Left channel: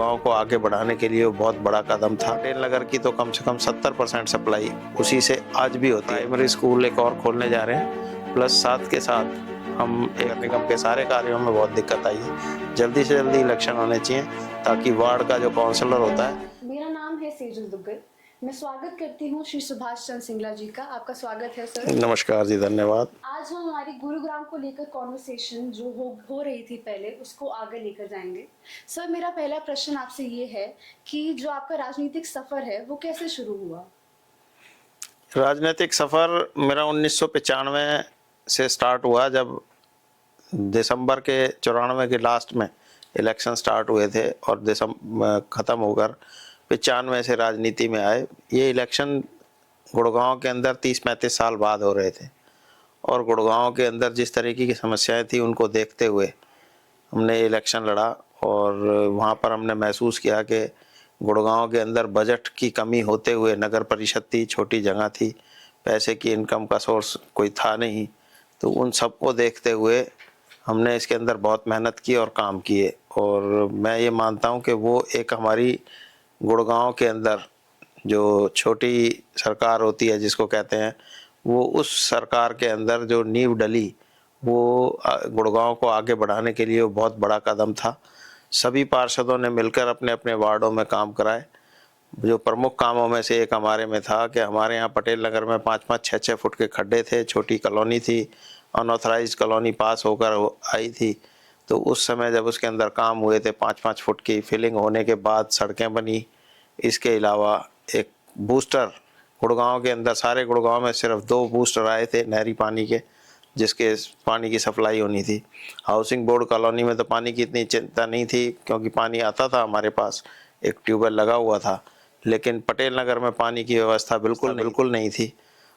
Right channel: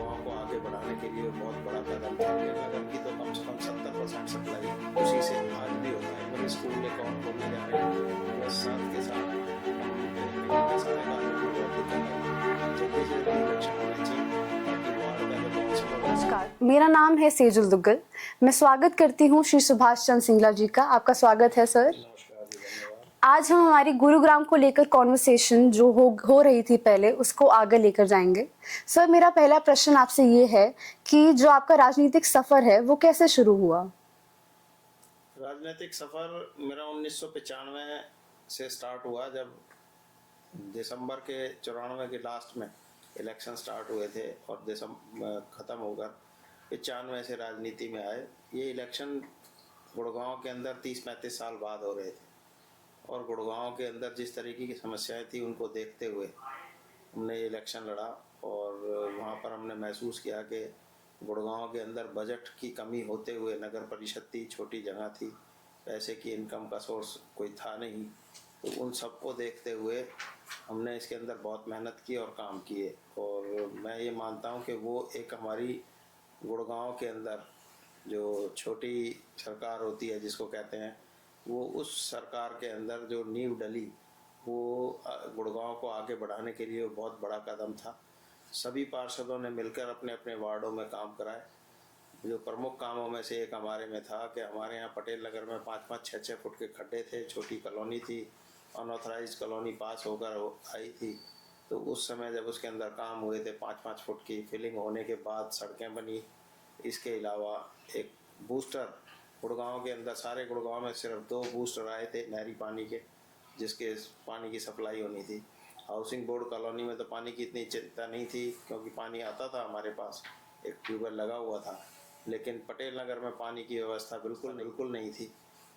गुड़गांव को आगे बढ़ाने के लिए वो बहुत बड़ा कदम था। पटेल नगर की तो कम से कम 70% सप्लाई उसी से आज भी होती है। प्राइमरी स्कूल एक और खोलने जा रहे हैं, प्लस साथ के साथ हम एक निगम के सारे कार्यों में बहुत दिक्कत आई है। जल्दी से जल्दी इलेक्शन होने चाहिए ताकि वार्ड का जो काउंसलर होता है। मेरा नाम है सेजुल दुग्गल। मैं स्वागत करती हूँ श्री सुभाष चंद्र सिंगला जी का। आपका स्वागत है सर। नमस्कार जी, धन्यवाद। आज हम हमारी गुरुग्राम को लेकर कॉन्वर्सेशन जो हो रही थी पहले, उसको आगे लेकर जाएंगे। सर, मेरा पहला प्रश्न आपसे ये है कि जो आपका राजनीतिक सफर है वो कैसे शुरू हुआ? राजनीतिक सफर मेरा 1995 से स्टार्ट हुआ, जब दिसंबर के 94 के लास्ट में इलेक्शन स्टार्ट हुए थे और दिसंबर ख़त्म होकर 95 से राजनीति में आए। ये इलेक्शन गुड़गांव के अंदर 30-35 साल बाद हो रहे थे और गुड़गांव के अंदर जिस तरीके की समस्याएं थी उनको देखते हुए हमने इलेक्शन लड़ा और वहाँ पर हमने महसूस किया कि गुड़गांव के अंदर बजट की कमी होते हुए, नगर परिषद थी, छोटी जगह थी, पैसे की इनकम का सोर्स कोई था नहीं, तो उन सबको देखते हुए हमने इसके अंदर बहुत मेहनत की और काम किए। और मैं ये मानता हूँ कि वो एक हमारी गुड़गांव के अंदर जो छोटी सरकार होती है जिसको कहते हैं, वो उस सरकार के अंदर जो नींव डली वो गुड़गांव को आगे बढ़ाने के लिए वो बहुत बड़ा कदम था। सभी पार्षदों ने मिलकर अपने अपने वार्डों में काम कराए। जो प्रमुख कामों में से एक हमारे में था कि हमारे यहाँ पटेल नगर में 5-5, 6-6 फुट के खड्डे थे, छोटी कॉलोनी थी, अनऑथराइज्ड कॉलोनी पास होकर आई थी। तो उस समय जब उसके अंदर काम हुए थे, 5-5 फुट की फिलिंग होने के बाद सड़कें बनी। इसके अलावा एक बूस्टर गुड़गांव के अंदर, सारे गुड़गांव में सिर्फ 2 बूस्टर आए थे नहरी पानी के, जिसके पानी की सप्लाई होनी थी। हाउसिंग बोर्ड कॉलोनी में तो पानी की इतनी चिंता नहीं थी क्योंकि पानी आता था हमारे पास, एक ट्यूबवेल लगा हुआ था। लेकिन पटेल नगर में पानी की व्यवस्था बिल्कुल नहीं थी।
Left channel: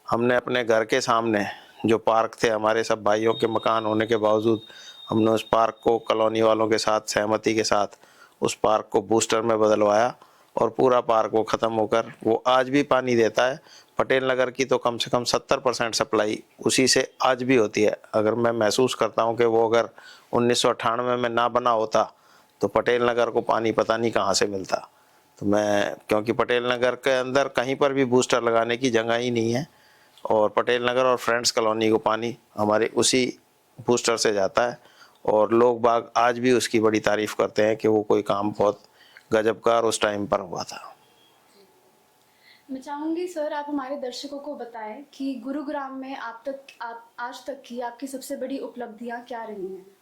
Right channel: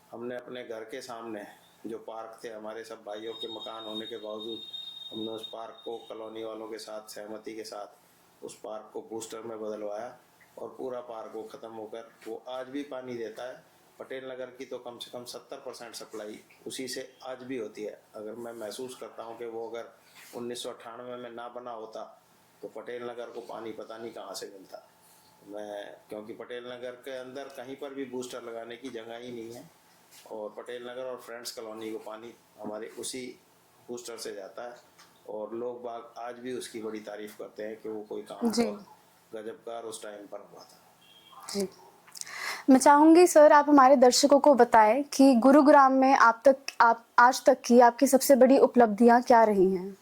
हमने अपने घर के सामने जो पार्क थे, हमारे सब भाइयों के मकान होने के बावजूद हमने उस पार्क को कॉलोनी वालों के साथ सहमति के साथ उस पार्क को बूस्टर में बदलवाया और पूरा पार्क वो ख़त्म होकर वो आज भी पानी देता है। पटेल नगर की तो कम से कम 70% सप्लाई उसी से आज भी होती है। अगर मैं महसूस करता हूँ कि वो अगर 1998 में ना बना होता तो पटेल नगर को पानी पता नहीं कहाँ से मिलता। तो मैं, क्योंकि पटेल नगर के अंदर कहीं पर भी बूस्टर लगाने की जगह ही नहीं है और पटेल नगर और फ्रेंड्स कॉलोनी को पानी हमारे उसी बूस्टर से जाता है और लोग बाग आज भी उसकी बड़ी तारीफ करते हैं कि वो कोई काम बहुत गजब का उस टाइम पर हुआ था। जी, मैं चाहूंगी सर आप हमारे दर्शकों को बताएं कि गुरुग्राम में आप आज तक की आपकी सबसे बड़ी उपलब्धियां क्या रही हैं?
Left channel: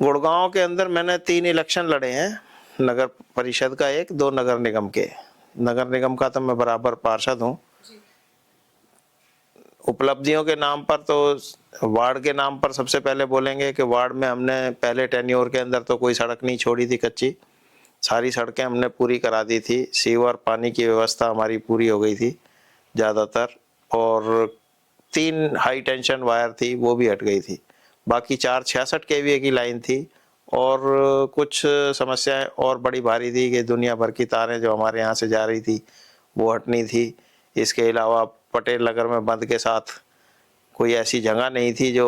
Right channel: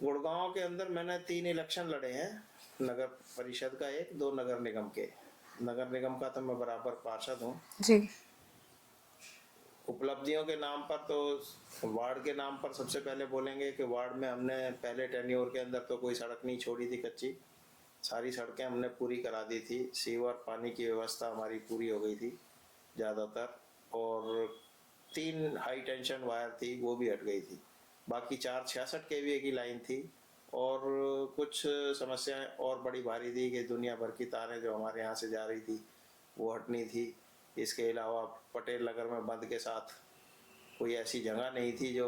गुड़गांव के अंदर मैंने 3 इलेक्शन लड़े हैं, नगर परिषद का 1, 2 नगर निगम के। नगर निगम का तो मैं बराबर पार्षद हूँ जी। उपलब्धियों के नाम पर तो वार्ड के नाम पर सबसे पहले बोलेंगे कि वार्ड में हमने पहले टेन्योर के अंदर तो कोई सड़क नहीं छोड़ी थी कच्ची, सारी सड़कें हमने पूरी करा दी थी। सीवर पानी की व्यवस्था हमारी पूरी हो गई थी ज़्यादातर, और 3 हाई टेंशन वायर थी वो भी हट गई थी। बाकी 466 केवीए की लाइन थी और कुछ समस्याएं और बड़ी भारी थी कि दुनिया भर की तारें जो हमारे यहाँ से जा रही थी वो हटनी थी। इसके अलावा पटेल नगर में बंद के साथ कोई ऐसी जगह नहीं थी जो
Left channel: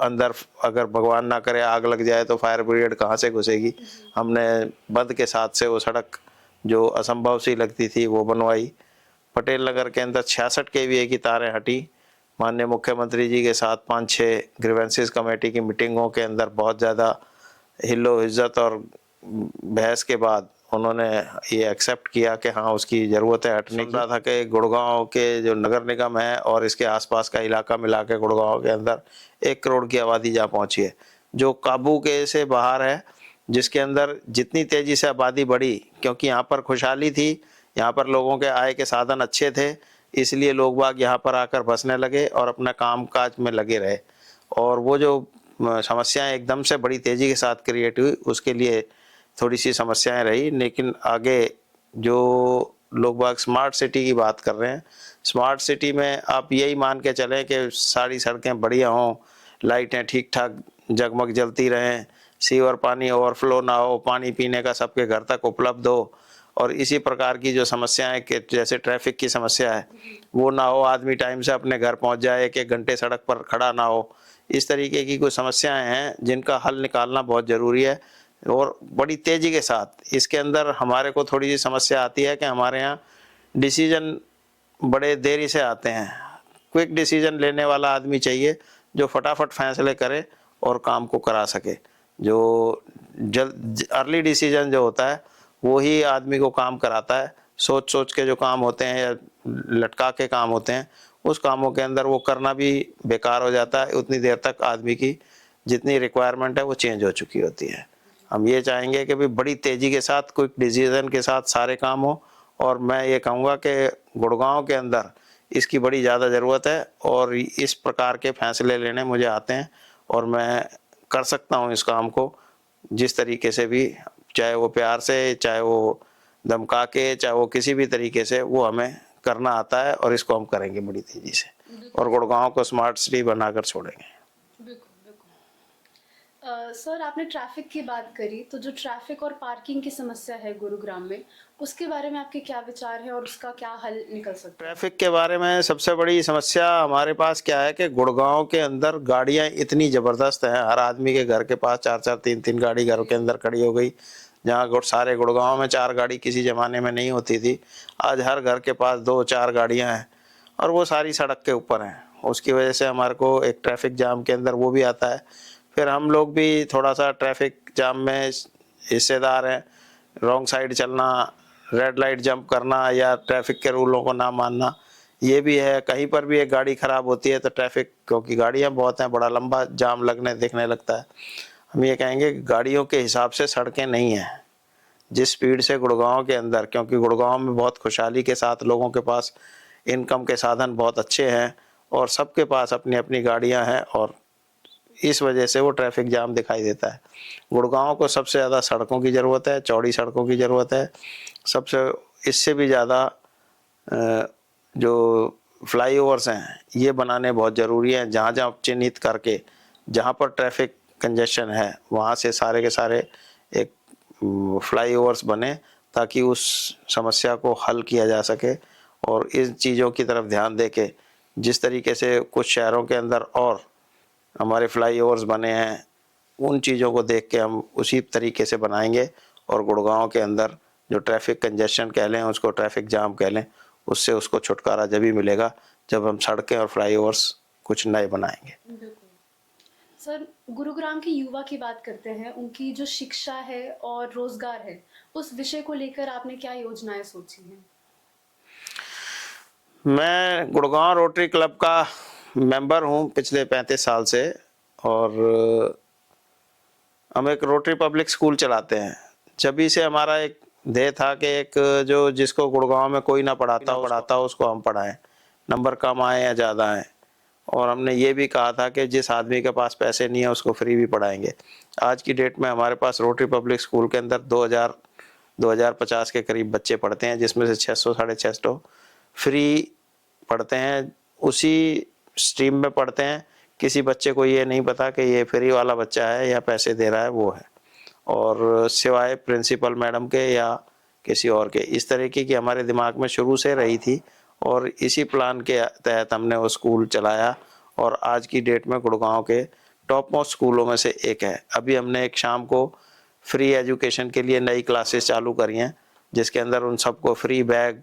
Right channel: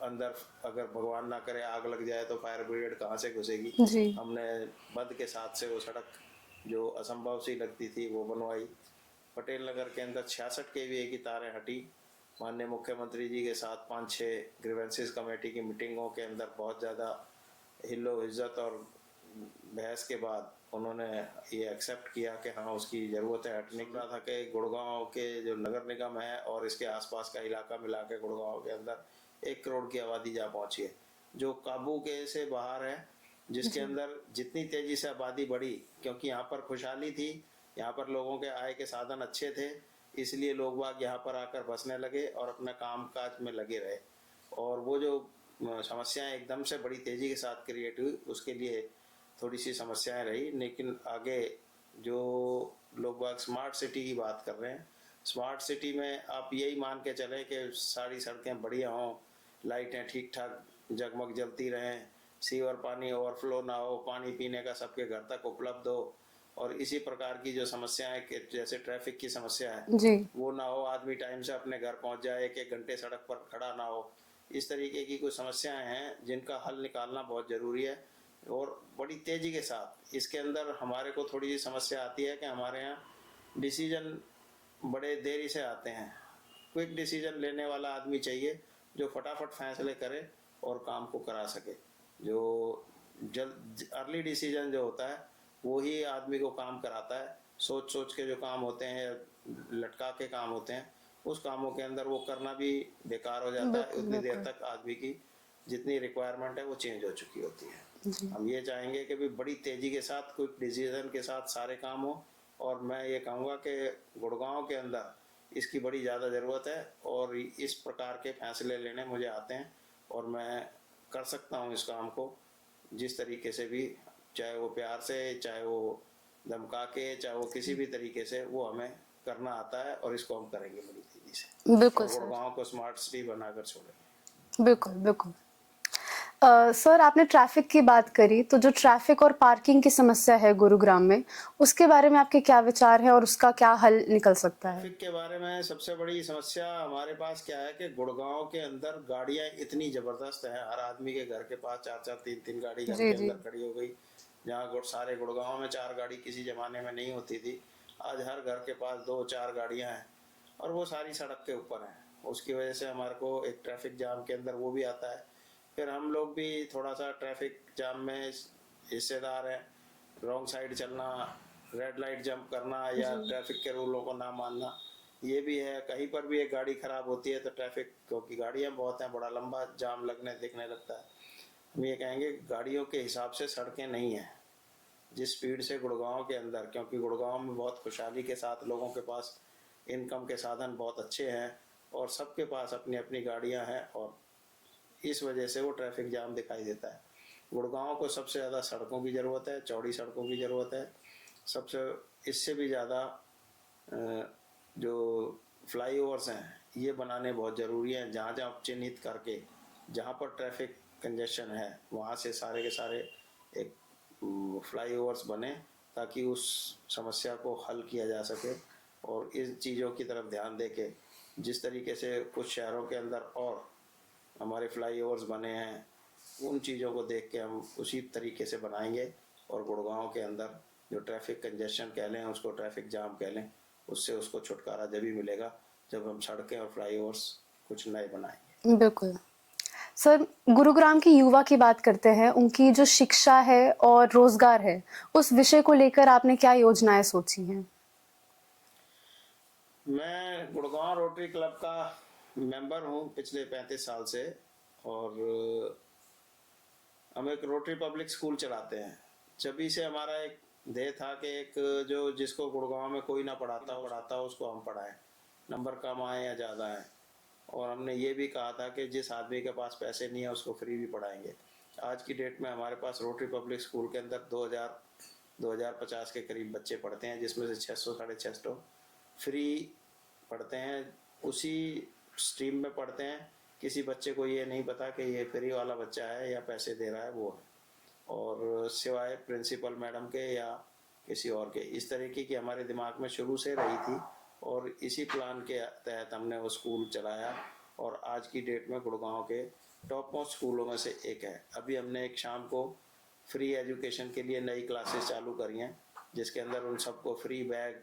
अंदर अगर भगवान ना करे आग लग जाए तो फायर ब्रिगेड कहाँ से घुसेगी। हमने बंद के साथ से वो सड़क जो असंभव सी लगती थी वो बनवाई। पटेल नगर के अंदर 66 केवीए की तारें हटी। माननीय मुख्यमंत्री जी के साथ 5-6 ग्रीवेंसेस कमेटी की मीटिंगों के अंदर बहुत ज़्यादा हिल्लो इज्जत और बहस के बाद उन्होंने ये एक्सेप्ट किया कि हाँ उसकी ज़रूरत है हटने की। था कि गुड़गांव के जो नगर निगम है और इसके आसपास का इलाका मिला के गुड़गांव के अंदर 1 करोड़ की आबादी जा पहुंची है, जो काबू के से बाहर है, जिसके अंदर जितनी तेज़ी से आबादी बढ़ी क्योंकि यहाँ पर खुशहाली थी, यहाँ पर लोगों के आय के साधन अच्छे थे, इसलिए लोग बाग यहाँ पर आकर बसने लगे और अपना काम काज में लगे रहे। और वो जो समस्याएं एकदम से बड़ी तेज़ी के साथ क्रिएट हुई उसके लिए थोड़ी सी समस्याएं रही। लेकिन आगे जो लोग बाग स्मार्ट सिटी की बात कर रहे हैं, स्मार्ट सिटी में आप यही मान के चलें कि सारी सड़कें बढ़िया हों, लाइटें ठीक ठाक जगमग जलती रहें, सीवर पानी ओवरफ्लो ना हो, पानी पीने का सबके घर तक उपलब्ध हो, और इसी प्रकार की जो समस्याएं कि जैसे ट्रैफिक की समस्या है वो ना हो, आदमी टाइम से अपने घर पहुंच जाए, 1-1 घंटे सड़क पर खड़ा ना हो। इस तरीके की कुछ समस्याएं हैं जिनका हल निकालना बहुत ज़रूरी है। और बड़ी तेज़ी के साथ। इसके अंदर हमारे को थोड़ी सी समस्या आती है कि हमारे यहाँ डिसीजन बड़े देरी से आते हैं। क्विक डिसीजन लेने वाला आदमी चाहिए जो फटाफट फैसले करे और काम को करा सके। जो जल्द अर्ली डिसीजन जो होता है वो ही आदमी को काम कराता है। सोच सोच के जो काम होते हैं या लटका के काम होते हैं, उस कामों के अंदर वो करना भी बेकार हो जाता है। उतनी देर तक आदमी की जितनी रिक्वायरमेंट है वो चेंज हो चुकी होती है। हम ये चाहेंगे कि भी बड़ी तेज़ी के साथ क्विक डिसीजन के साथ सारे काम हो। और मैं ये कहूँगा कि गुड़गांव के अंदर इसकी बड़ी ज़्यादा ज़रूरत है और इस प्रकार के फैसले लेने मुझे आते हैं और मैं कर सकता हूँ इस काम को जिस तरीके से भी, चाहे वो प्यार से, चाहे वो धमका के, चाहे वो किसी भी तरीके से, वो हमें करना आता है और इसको हम करेंगे बड़ी तेज़ी से बिल्कुल और गुड़गांव को स्मार्ट सिटी बनाकर छोड़ेंगे। बिल्कुल बिल्कुल। सर, आपने ट्रैफिक की बात करी, तो जो ट्रैफिक और पार्किंग की समस्या है गुरुग्राम में, उसके बारे में आपके क्या विचार हैं और उसका क्या हल निकल सकता है? ट्रैफिक के बारे में सबसे बड़ी समस्या हमारे पास क्या है कि गुड़गांव के अंदर गाड़ियां इतनी ज़बरदस्त हैं। हर आदमी के घर के पास 4-4 3-3 गाड़ी घरों जी के जी। अंदर खड़ी हो गई। जहाँ सारे गुड़गांव में 4 गाड़ी किसी ज़माने में नहीं होती थी, आज हर घर के पास 2-4 गाड़ियाँ हैं और वो सारी सड़क के ऊपर हैं। उसकी वजह से हमारे को एक ट्रैफिक जाम के अंदर वो भी आता है। फिर हम लोग भी थोड़ा सा ट्रैफिक जाम में हिस्सेदार हैं। रॉन्ग साइड चलना, रेड लाइट जंप करना या ट्रैफिक के रूलों को ना मानना, ये भी है। कहीं पर भी एक गाड़ी खराब होती है तो ट्रैफिक, क्योंकि गाड़ियां बहुत हैं, बड़ा लंबा जाम लगने दिखने लगता है। हम ये कहेंगे कि गाड़ियों के हिसाब से सड़कें नहीं हैं। जिस स्पीड से गुड़गांव के अंदर, क्योंकि गुड़गांव में बहुत खुशहाली के साथ लोगों के पास इनकम के साधन बहुत अच्छे हैं और सबके पास अपनी अपनी गाड़ियां हैं और इस वजह से वो ट्रैफिक जाम दिखाई देता है। गुड़गांव को सबसे ज़्यादा सड़कों की ज़रूरत है, चौड़ी सड़कों की ज़रूरत है। सबसे इससे भी ज़्यादा जो फ्लाईओवर्स हैं ये बनाने बहुत ज़रूरी हैं। जहाँ जहाँ चिन्हित करके जहाँ पर ट्रैफिक कंजेशन है वहाँ से सारे के सारे एक फ्लाईओवर्स बने ताकि उस समस्या को हल किया जा सके। और इन चीज़ों की तरफ ध्यान दे के जिस तरीके से कुछ शहरों के अंदर और हमारे फ्लाईओवर्स बने हैं, उन चीज़ों को देख के हम उसी तरीके से बनाएंगे और गुड़गांव के अंदर जो ट्रैफिक कंजेशन कह लें, उसको ट्रैफिक जाम कह लें, उससे उसको छुटकारा जब ही मिलेगा जब हम सड़कें और फ्लाईओवर्स कुछ नए बनाएंगे। बिल्कुल। सर, गुरुग्राम की युवा की बात करते हैं, उनकी जो शिक्षा है और रोजगार है, उस विषय को लेकर आपने क्या योजनाएं सोची हैं? मैं गुड़गांव रोटरी क्लब का मेंबर हूँ पिछले 35 साल से और हम एक रोटरी पब्लिक स्कूल चलाते हैं। जभी से हमारा एक ध्येय था कि एक जो जिसको गुड़गांव में कोई ना पढ़ाता उसको हम पढ़ाएं, नंबर कम आए या ज़्यादा आए। और हमने ये भी कहा था कि जिस आदमी के पास पैसे नहीं है उसको फ्री भी पढ़ाएंगे। आज की डेट में हमारे पास रोटरी पब्लिक स्कूल के अंदर 2050 के करीब बच्चे पढ़ते हैं, जिसमें से 600 साढ़े 600 फ्री पढ़ते हैं, उसी स्ट्रीम में पढ़ते हैं। किसी बच्चे को ये नहीं पता कि ये फ्री वाला बच्चा है या पैसे दे रहा है वो है, और सिवाय प्रिंसिपल मैडम के या किसी और के। इस तरीके की हमारे दिमाग में शुरू से रही थी और इसी प्लान के तहत हमने वो स्कूल चलाया और आज की डेट में गुड़गांव के टॉप मोस्ट स्कूलों में से एक है। अभी हमने एक शाम को फ्री एजुकेशन के लिए नई क्लासेस चालू करी हैं, जिसके अंदर उन सबको फ्री बैग,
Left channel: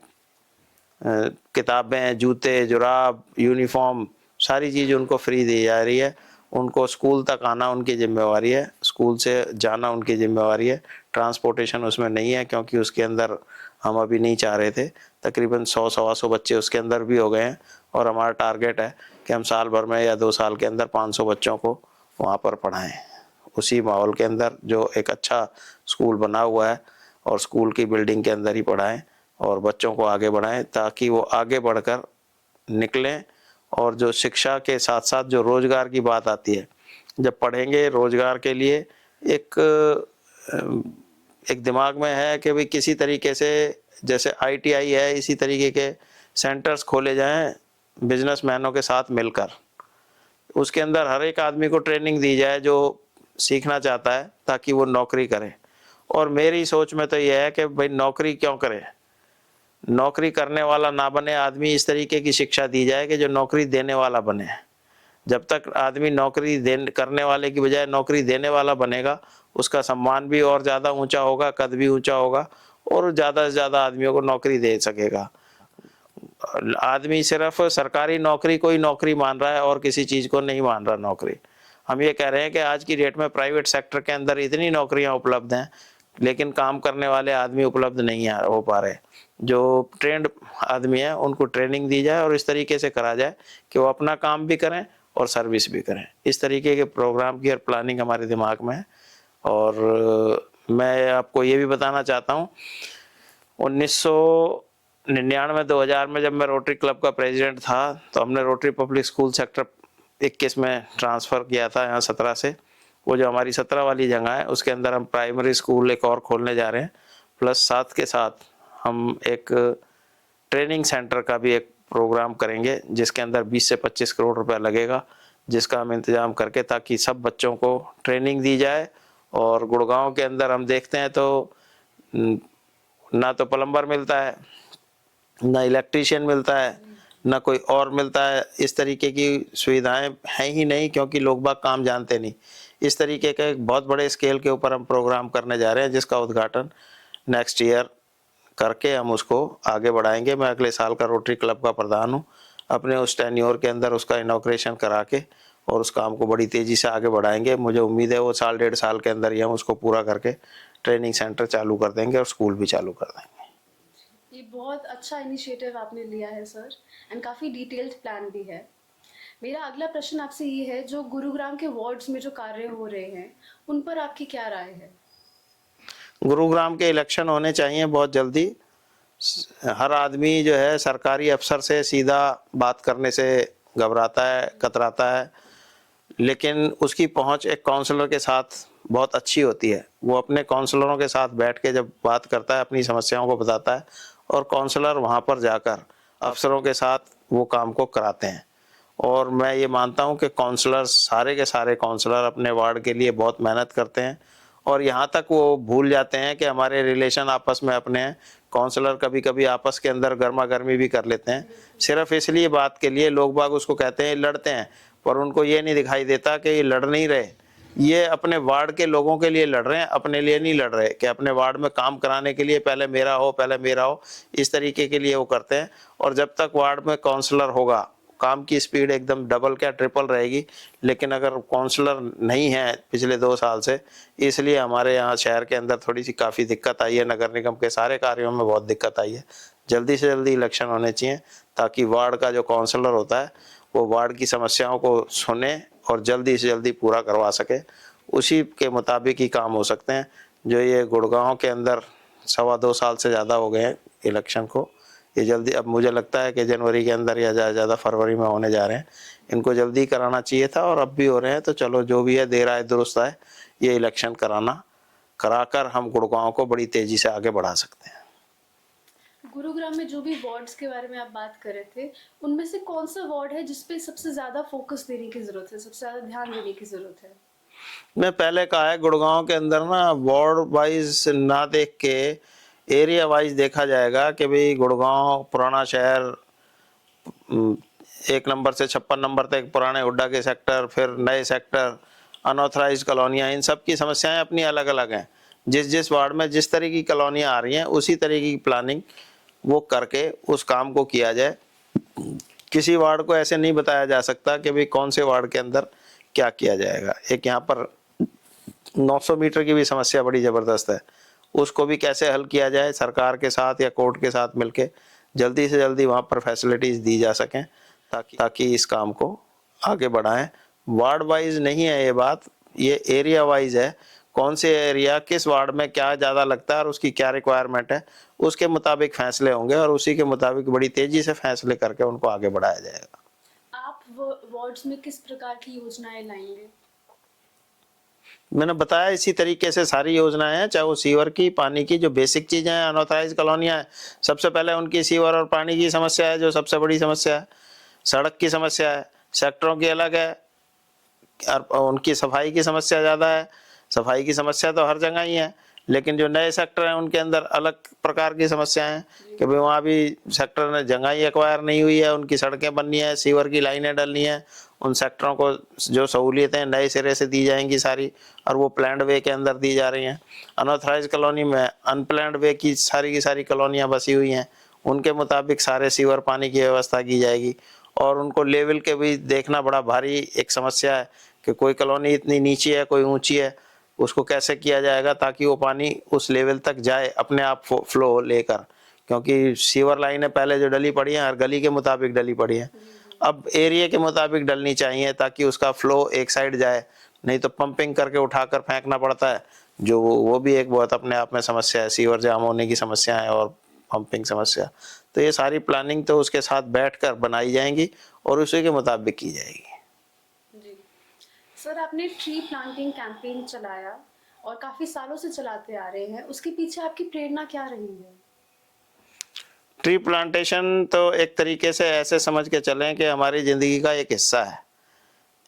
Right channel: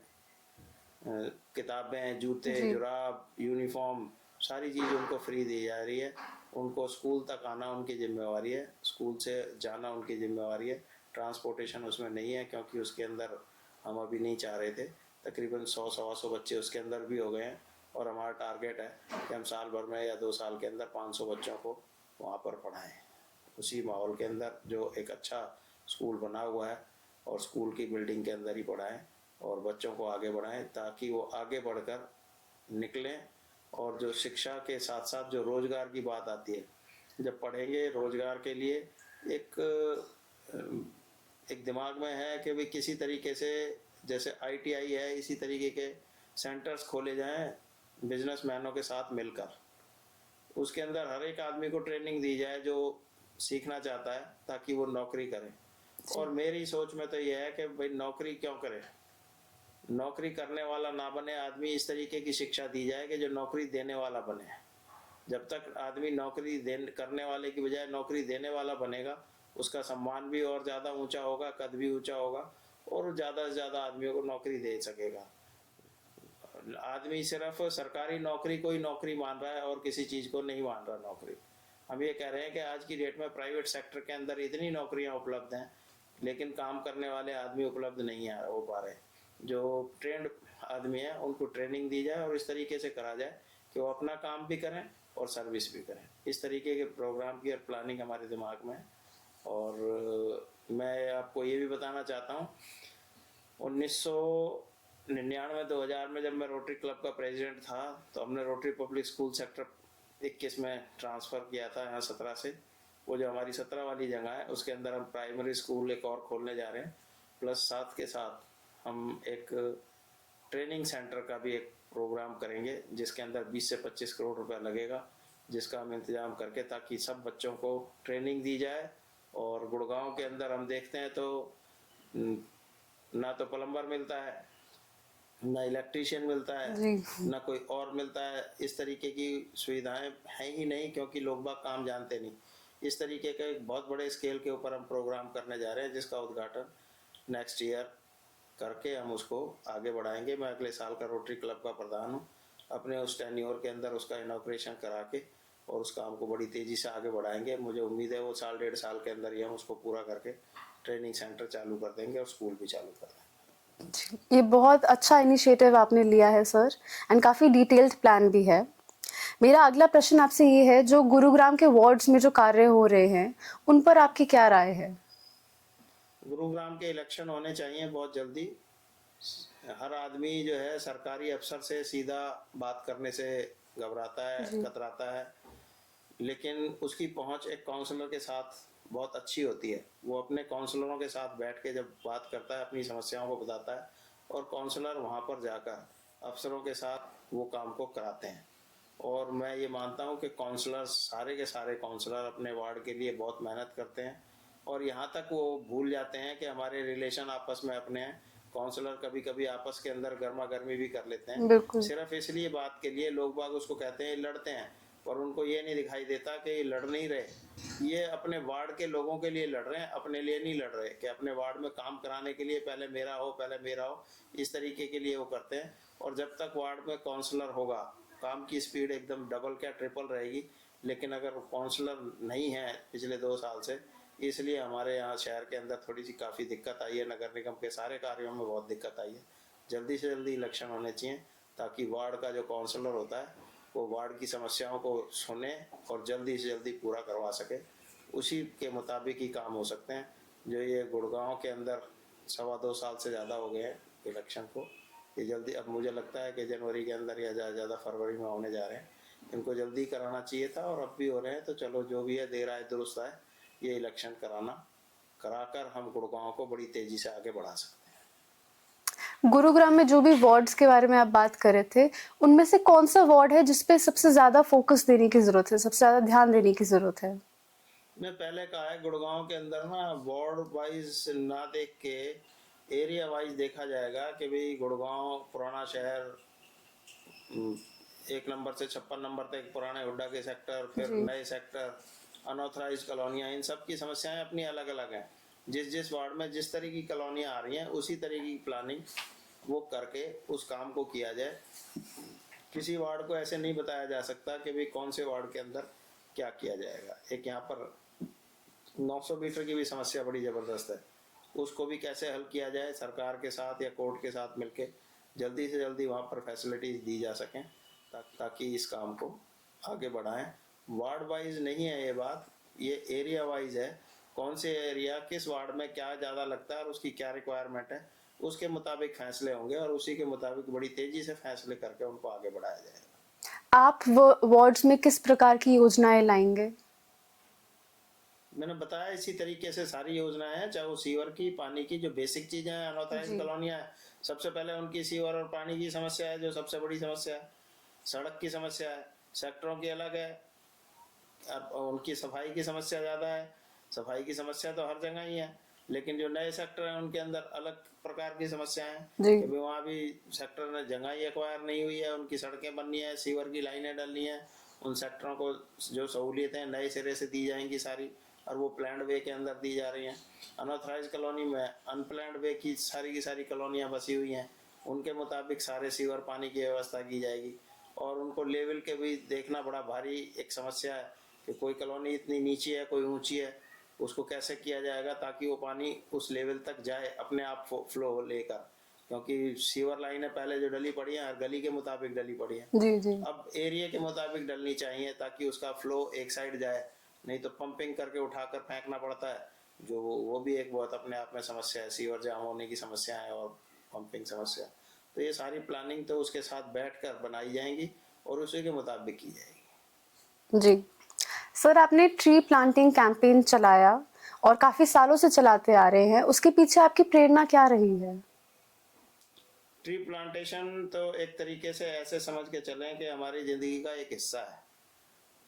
किताबें, जूते, जुराब, यूनिफॉर्म, सारी चीज़ उनको फ्री दी जा रही है। उनको स्कूल तक आना उनकी ज़िम्मेवारी है, स्कूल से जाना उनकी ज़िम्मेवारी है। ट्रांसपोर्टेशन उसमें नहीं है क्योंकि उसके अंदर हम अभी नहीं चाह रहे थे। तकरीबन 100-125 बच्चे उसके अंदर भी हो गए हैं और हमारा टारगेट है कि हम साल भर में या 2 साल के अंदर 500 बच्चों को वहाँ पर पढ़ाएँ। उसी माहौल के अंदर जो एक अच्छा स्कूल बना हुआ है और स्कूल की बिल्डिंग के अंदर ही पढ़ाएँ और बच्चों को आगे बढ़ाएं ताकि वो आगे बढ़कर निकलें। और जो शिक्षा के साथ साथ जो रोज़गार की बात आती है, जब पढ़ेंगे रोज़गार के लिए एक एक दिमाग में है कि भाई किसी तरीके से जैसे ITI है इसी तरीके के सेंटर्स खोले जाएं बिजनेसमैनों के साथ मिलकर। उसके अंदर हर एक आदमी को ट्रेनिंग दी जाए जो सीखना चाहता है ताकि वो नौकरी करे। और मेरी सोच में तो यह है कि भाई नौकरी क्यों करे, नौकरी करने वाला ना बने आदमी, इस तरीके की शिक्षा दी जाए कि जो नौकरी देने वाला बने। जब तक आदमी नौकरी करने वाले की बजाय नौकरी देने वाला बनेगा, उसका सम्मान भी और ज़्यादा ऊंचा होगा, कद भी ऊंचा होगा और ज़्यादा से ज़्यादा आदमियों को नौकरी दे सकेगा। आदमी सिर्फ सरकारी नौकरी को ही नौकरी मान रहा है और किसी चीज़ को नहीं मान रहा नौकरी। हम ये कह रहे हैं कि आज की डेट में प्राइवेट सेक्टर के अंदर इतनी नौकरियां उपलब्ध हैं, लेकिन काम करने वाले आदमी उपलब्ध नहीं हो पा रहे। जो ट्रेंड आदमी हैं उनको ट्रेनिंग दी जाए और इस तरीके से करा जाए कि वो अपना काम भी करें और सर्विस भी करें। इस तरीके के प्रोग्राम की और प्लानिंग हमारे दिमाग में है। और मैं आपको ये भी बताना चाहता हूँ, 1999-2000 में जब मैं रोटरी क्लब का प्रेसिडेंट था तो हमने रोटरी पब्लिक स्कूल सेक्टर 21 में ट्रांसफ़र किया था यहाँ 17 से। वो जो हमारी 17 वाली जगह है उसके अंदर हम प्राइमरी स्कूल एक और खोलने जा रहे हैं, प्लस साथ के साथ हम एक ट्रेनिंग सेंटर का भी एक प्रोग्राम करेंगे जिसके अंदर 20 से 25 करोड़ रुपया लगेगा, जिसका हम इंतज़ाम करके ताकि सब बच्चों को ट्रेनिंग दी जाए। और गुड़गांव के अंदर हम देखते हैं तो ना तो प्लम्बर मिलता है, ना इलेक्ट्रीशियन मिलता है, ना कोई और मिलता है। इस तरीके की सुविधाएं हैं ही नहीं क्योंकि लोग बाग काम जानते नहीं। इस तरीके का एक बहुत बड़े स्केल के ऊपर हम प्रोग्राम करने जा रहे हैं जिसका उद्घाटन नेक्स्ट ईयर करके हम उसको आगे बढ़ाएंगे। मैं अगले साल का रोटरी क्लब का प्रधान हूँ, अपने उस टेन्योर के अंदर उसका इनॉग्रेशन करा के और उस काम को बड़ी तेज़ी से आगे बढ़ाएंगे। मुझे उम्मीद है वो साल 1.5 साल के अंदर ही हम उसको पूरा करके ट्रेनिंग सेंटर चालू कर देंगे और स्कूल भी चालू कर देंगे। ये बहुत अच्छा इनिशिएटिव आपने लिया है सर, एंड काफ़ी डिटेल्ड प्लान भी है। मेरा अगला प्रश्न आपसे ये है, जो गुरुग्राम के वार्ड्स में जो कार्य हो रहे हैं उन पर आपकी क्या राय है? गुरुग्राम के इलेक्शन होने चाहिए बहुत जल्दी। हर आदमी जो है सरकारी अफसर से सीधा बात करने से घबराता है, कतराता है, लेकिन उसकी पहुंच एक काउंसलर के साथ बहुत अच्छी होती है। वो अपने काउंसलरों के साथ बैठ के जब बात करता है, अपनी समस्याओं को बताता है और काउंसलर वहां पर जाकर अफसरों के साथ वो काम को कराते हैं। और मैं ये मानता हूं कि काउंसलर, सारे के सारे काउंसलर अपने वार्ड के लिए बहुत मेहनत करते हैं और यहाँ तक वो भूल जाते हैं कि हमारे रिलेशन आपस में अपने हैं। काउंसलर कभी कभी आपस के अंदर गर्मा गर्मी भी कर लेते हैं, सिर्फ इसलिए बात के लिए। लोग बाग उसको कहते हैं लड़ते हैं, पर उनको ये नहीं दिखाई देता कि ये लड़ नहीं रहे, ये अपने वार्ड के लोगों के लिए लड़ रहे हैं, अपने लिए नहीं लड़ रहे कि अपने वार्ड में काम कराने के लिए पहले मेरा हो, पहले मेरा हो, इस तरीके के लिए वो करते हैं। और जब तक वार्ड में काउंसलर होगा काम की स्पीड एकदम डबल क्या ट्रिपल रहेगी। लेकिन अगर काउंसलर नहीं है पिछले 2 साल से, इसलिए हमारे यहाँ शहर के अंदर थोड़ी सी काफ़ी दिक्कत आई है। नगर निगम के सारे कार्यों में बहुत दिक्कत आई है। जल्दी से जल्दी इलेक्शन होने चाहिए ताकि वार्ड का जो काउंसलर होता है वो वार्ड की समस्याओं को सुने और जल्दी से जल्दी पूरा करवा सके। उसी के मुताबिक ही काम हो सकते हैं। जो ये गुड़गांव के अंदर 2.25 साल से ज़्यादा हो गए हैं इलेक्शन को, ये जल्दी, अब मुझे लगता है कि जनवरी के अंदर या ज़्यादा फरवरी में होने जा रहे हैं। इनको जल्दी कराना चाहिए था और अब भी हो रहे हैं। तो चलो जो भी है, देर आए दुरुस्त आए, ये इलेक्शन कराकर हम गुड़गांव को बड़ी तेज़ी से आगे बढ़ा सकते हैं। गुरुग्राम में जो भी वार्ड्स के बारे में आप बात कर रहे थे, उनमें से कौन सा वार्ड है जिसपे सबसे ज़्यादा फोकस देने की ज़रूरत है, सबसे ज़्यादा ध्यान देने की ज़रूरत है? मैं पहले कहा है, गुड़गांव के अंदर ना वार्ड वाइज ना देख के एरिया वाइज देखा जाएगा कि भाई गुड़गांव पुराना शहर 1 नंबर से 56 नंबर तक पुराने हुड्डा के सेक्टर, फिर नए सेक्टर, अनऑथराइज्ड कॉलोनियाँ, इन सब की समस्याएं अपनी अलग अलग हैं। जिस जिस वार्ड में जिस तरह की कॉलोनियाँ आ रही हैं उसी तरीके की प्लानिंग वो करके उस काम को किया जाए। किसी वार्ड को ऐसे नहीं बताया जा सकता कि भाई कौन से वार्ड के अंदर क्या किया जाएगा। एक यहाँ पर 900 मीटर की भी समस्या बड़ी ज़बरदस्त है, उसको भी कैसे हल किया जाए सरकार के साथ या कोर्ट के साथ मिलके जल्दी से जल्दी वहाँ पर फैसिलिटीज़ दी जा सकें ताकि इस काम को आगे बढ़ाएं। वार्ड वाइज नहीं है ये बात, ये एरिया वाइज है। कौन से एरिया किस वार्ड में क्या ज़्यादा लगता है और उसकी क्या रिक्वायरमेंट है, उसके मुताबिक फैसले होंगे और उसी के मुताबिक बड़ी तेज़ी से फैसले करके उनको आगे बढ़ाया जाएगा। आप वार्ड्स में किस प्रकार की योजनाएं लाएंगे? मैंने बताया इसी तरीके से सारी योजनाएं हैं, चाहे वो सीवर की, पानी की, जो बेसिक चीज़ें हैं, अनऑथराइज्ड कॉलोनियाँ हैं, सबसे पहले उनकी सीवर और पानी की समस्या है जो सबसे बड़ी समस्या है। सड़क की समस्या है, सेक्टरों की अलग है, और उनकी सफाई की समस्या ज़्यादा है। सफाई की समस्या तो हर जगह ही है, लेकिन जो नए सेक्टर हैं उनके अंदर अलग प्रकार की समस्याएं हैं कि भाई वहाँ भी सेक्टर ने जगह ही एक्वायर नहीं हुई है, उनकी सड़कें बननी है, सीवर की लाइनें डलनी है, उन सेक्टरों को जो सहूलियतें नए सिरे से दी जाएंगी सारी, और वो प्लान्ड वे के अंदर दी जा रही हैं। अनऑथराइज कॉलोनी में अनप्लान्ड वे की सारी कॉलोनियाँ बसी हुई हैं, उनके मुताबिक सारे सीवर पानी की व्यवस्था की जाएगी। और उनको लेवल के भी देखना बड़ा भारी एक समस्या है कि कोई कॉलोनी इतनी नीची है, कोई ऊंची है, उसको कैसे किया जाएगा ताकि वो पानी उस लेवल तक जाए अपने आप फ्लो लेकर, क्योंकि सीवर लाइनें पहले जो डली पड़ी हैं हर गली के मुताबिक डली पड़ी हैं, जी जी। अब एरिया के मुताबिक डलनी चाहिए ताकि उसका फ्लो एक साइड जाए, नहीं तो पंपिंग करके उठाकर फेंकना पड़ता है, जो वो भी एक बहुत अपने आप में समस्या है, सीवर जाम होने की समस्या है और पंपिंग समस्या। तो ये सारी प्लानिंग तो उसके साथ बैठकर बनाई जाएंगी और उसी के मुताबिक की जाएगी। जी सर, आपने ट्री प्लांटिंग कैंपेन चलाया और काफी सालों से चलाते आ रहे हैं, उसके पीछे आपकी प्रेरणा क्या रही है? ट्री प्लांटेशन तो एक तरीके से ऐसे समझ के चलें कि हमारी ज़िंदगी का एक हिस्सा है।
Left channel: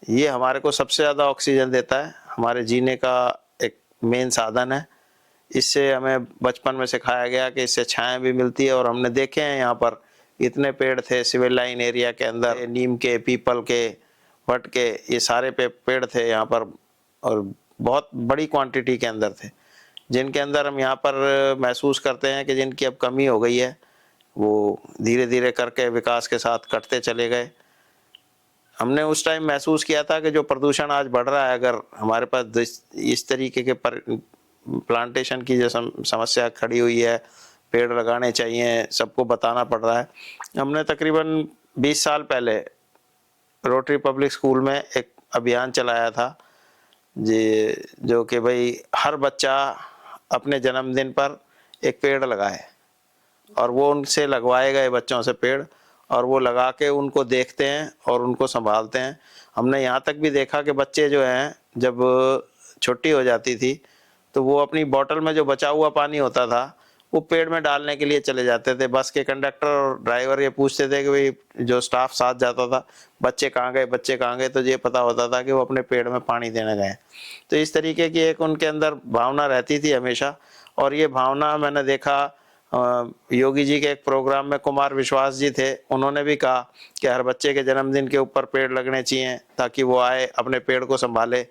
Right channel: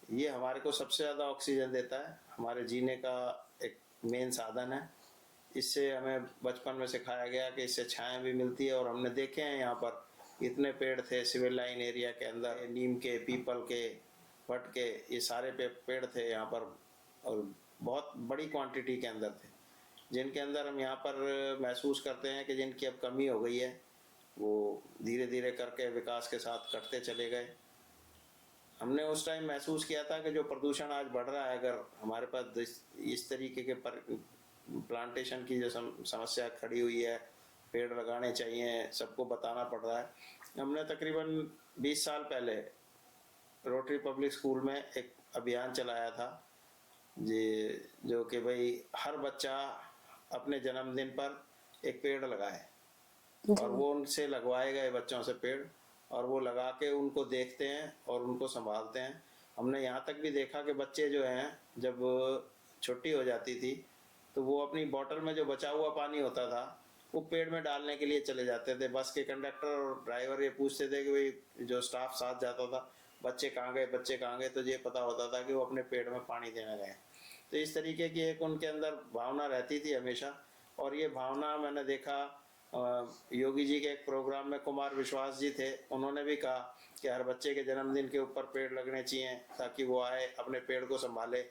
ये हमारे को सबसे ज़्यादा ऑक्सीजन देता है, हमारे जीने का एक मेन साधन है। इससे हमें बचपन में सिखाया गया कि इससे छाया भी मिलती है, और हमने देखे हैं यहाँ पर इतने पेड़ थे सिविल लाइन एरिया के अंदर, नीम के, पीपल के, वट के, ये सारे पेड़ थे यहाँ पर, और बहुत बड़ी क्वांटिटी के अंदर थे, जिनके अंदर हम यहाँ पर महसूस करते हैं कि जिनकी अब कमी हो गई है। वो धीरे धीरे करके विकास के साथ कटते चले गए। हमने उस टाइम महसूस किया था कि जो प्रदूषण आज बढ़ रहा है, अगर हमारे पास इस तरीके के प्लांटेशन की जो समस्या खड़ी हुई है, पेड़ लगाने चाहिए, सबको बताना पड़ रहा है। हमने तकरीबन 20 साल पहले रोटरी पब्लिक स्कूल में एक अभियान चलाया था जी, जो कि भाई हर बच्चा अपने जन्मदिन पर एक पेड़ लगाए, और वो उनसे लगवाए गए बच्चों से पेड़, और वो लगा के उनको देखते हैं और उनको संभालते हैं। हमने यहाँ तक भी देखा कि बच्चे जो हैं जब छुट्टी हो जाती थी तो वो अपनी बोतल में जो बचा हुआ पानी होता था वो पेड़ में डालने के लिए चले जाते थे। बस के कंडक्टर और ड्राइवर ये पूछते थे कि भाई जो स्टाफ साथ जाता था, बच्चे कहाँ गए, बच्चे कहाँ गए, तो ये पता होता था कि वो अपने पेड़ में पानी देने गए। तो इस तरीके की एक उनके अंदर भावना रहती थी हमेशा। और ये भावना मैंने देखा योगी जी के एक प्रोग्राम में कुमार विश्वास जी थे, उन्होंने भी कहा कि हर बच्चे के जन्मदिन के ऊपर पेड़ लगने चाहिए ताकि वो आए अपने पेड़ को संभाले।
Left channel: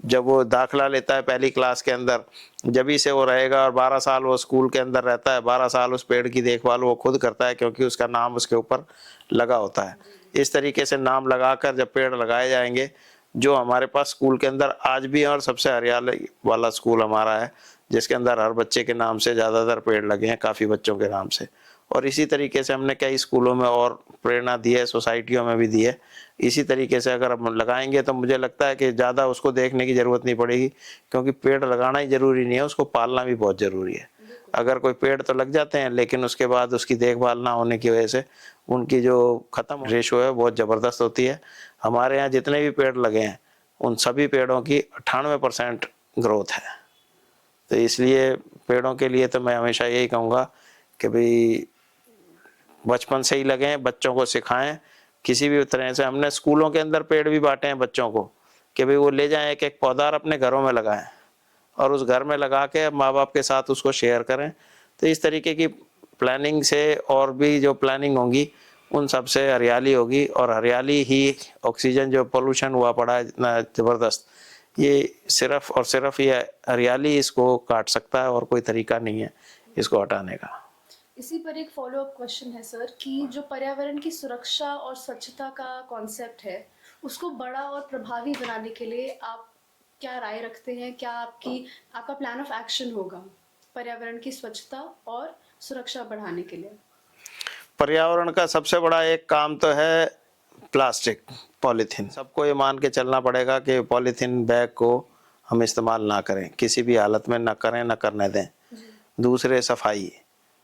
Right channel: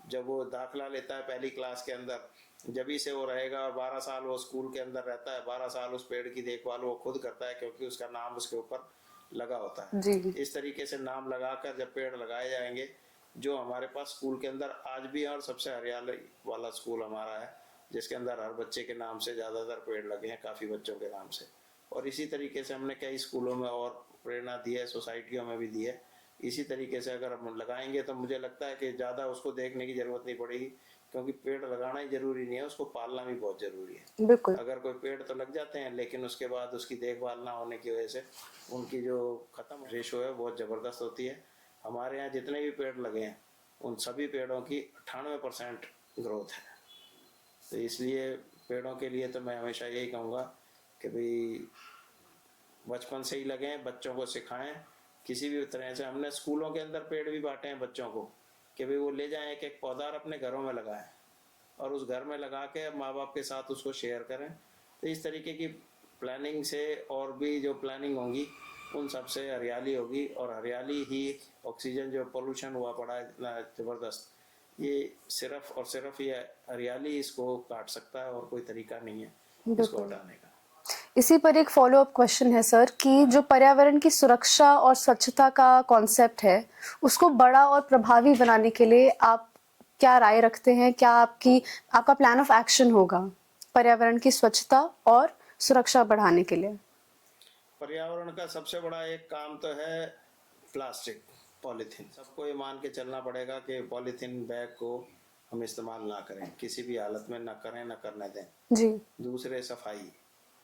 जब वो दाखिला लेता है पहली क्लास के अंदर, जब ही से वो रहेगा, और 12 साल वो स्कूल के अंदर रहता है, 12 साल उस पेड़ की देखभाल वो खुद करता है, क्योंकि उसका नाम उसके ऊपर लगा होता है। जी जी। इस तरीके से नाम लगाकर जब पेड़ लगाए जाएंगे, जो हमारे पास स्कूल के अंदर आज भी है, और सबसे हरियाली वाला स्कूल हमारा है, जिसके अंदर हर बच्चे के नाम से ज़्यादातर पेड़ लगे हैं, काफ़ी बच्चों के नाम से। और इसी तरीके से हमने कई स्कूलों में और प्रेरणा दी है, सोसाइटियों में भी दी है। इसी तरीके से अगर हम लगाएंगे तो मुझे लगता है कि ज़्यादा उसको देखने की ज़रूरत नहीं पड़ेगी, क्योंकि पेड़ लगाना ही ज़रूरी नहीं है, उसको पालना भी बहुत ज़रूरी है। बिल्कुल। अगर कोई पेड़ तो लग जाते हैं, लेकिन उसके बाद उसकी देखभाल ना होने की वजह से उनकी जो ख़त्म रेशो है बहुत ज़बरदस्त होती है। हमारे यहाँ जितने भी पेड़ लगे हैं उन सभी पेड़ों की 98% ग्रोथ है। तो इसलिए पेड़ों के लिए तो मैं हमेशा यही कहूँगा कि भाई बचपन से ही लगें, बच्चों को सिखाएं किसी भी तरह से। हमने स्कूलों के अंदर पेड़ भी बांटे हैं बच्चों को कि भाई वो ले जाएं, एक एक पौधा और अपने घरों में लगाएं, और उस घर में लगा के माँ बाप के साथ उसको शेयर करें। तो इस तरीके की प्लानिंग से और भी जो प्लानिंग होगी उन सब से हरियाली होगी, और हरियाली ही ऑक्सीजन जो पोल्यूशन हुआ पड़ा है इतना ज़बरदस्त, ये सिर्फ और सिर्फ ये हरियाली इसको काट सकता है, और कोई तरीका नहीं है इसको हटाने का। इसी पर एक फॉलो अप क्वेश्चन है सर कि जो पर्यावरण की सुरक्षा और स्वच्छता का कॉन्सेप्ट है उसको बड़ा और प्रभावी बनाने के लिए आप क्या राय रखते हैं? क्या आपका प्लान ऑफ एक्शन होगा पर्यावरण की स्वच्छता और सुरक्षा बढ़ाने के लिए? पर्यावरण का सबसे बड़ा एक काम तो है प्लास्टिक, पॉलीथीन। सबको ये मान के चलना पड़ेगा कि पॉलीथीन बैग को हम इस्तेमाल ना करें, किसी भी हालत में ना करें, ना करने दें। जी। दूसरे सफाई,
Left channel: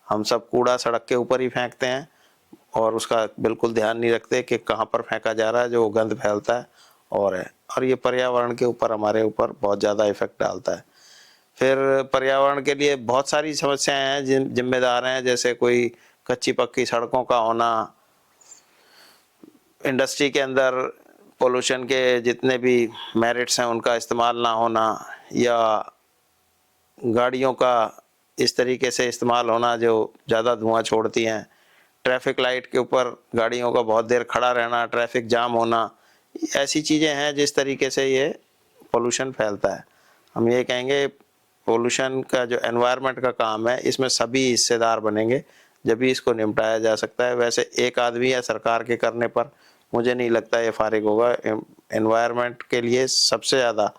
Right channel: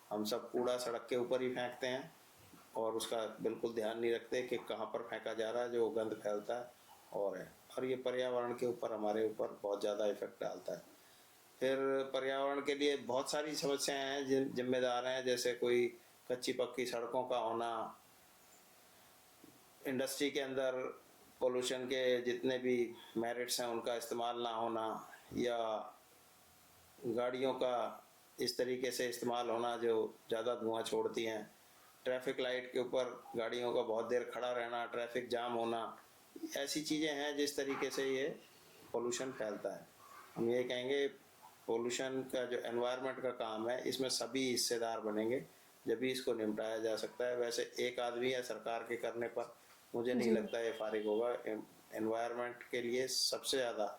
हम सब कूड़ा सड़क के ऊपर ही फेंकते हैं और उसका बिल्कुल ध्यान नहीं रखते कि कहाँ पर फेंका जा रहा है, जो गंद फैलता है और ये पर्यावरण के ऊपर हमारे ऊपर बहुत ज़्यादा इफेक्ट डालता है। फिर पर्यावरण के लिए बहुत सारी समस्याएं हैं जिम्मेदार हैं, जैसे कोई कच्ची पक्की सड़कों का होना, इंडस्ट्री के अंदर पोल्यूशन के जितने भी मेरिट्स हैं उनका इस्तेमाल ना होना, या गाड़ियों का इस तरीके से इस्तेमाल होना जो ज़्यादा धुआं छोड़ती हैं, ट्रैफिक लाइट के ऊपर गाड़ियों का बहुत देर खड़ा रहना, ट्रैफिक जाम होना, ऐसी चीज़ें हैं जिस तरीके से ये पोल्यूशन फैलता है। हम ये कहेंगे पोल्यूशन का जो एनवायरनमेंट का काम है, इसमें सभी हिस्सेदार बनेंगे, जब भी इसको निपटाया जा सकता है। वैसे एक आदमी या सरकार के करने पर मुझे नहीं लगता ये फारिग होगा। एनवायरनमेंट के लिए सबसे ज़्यादा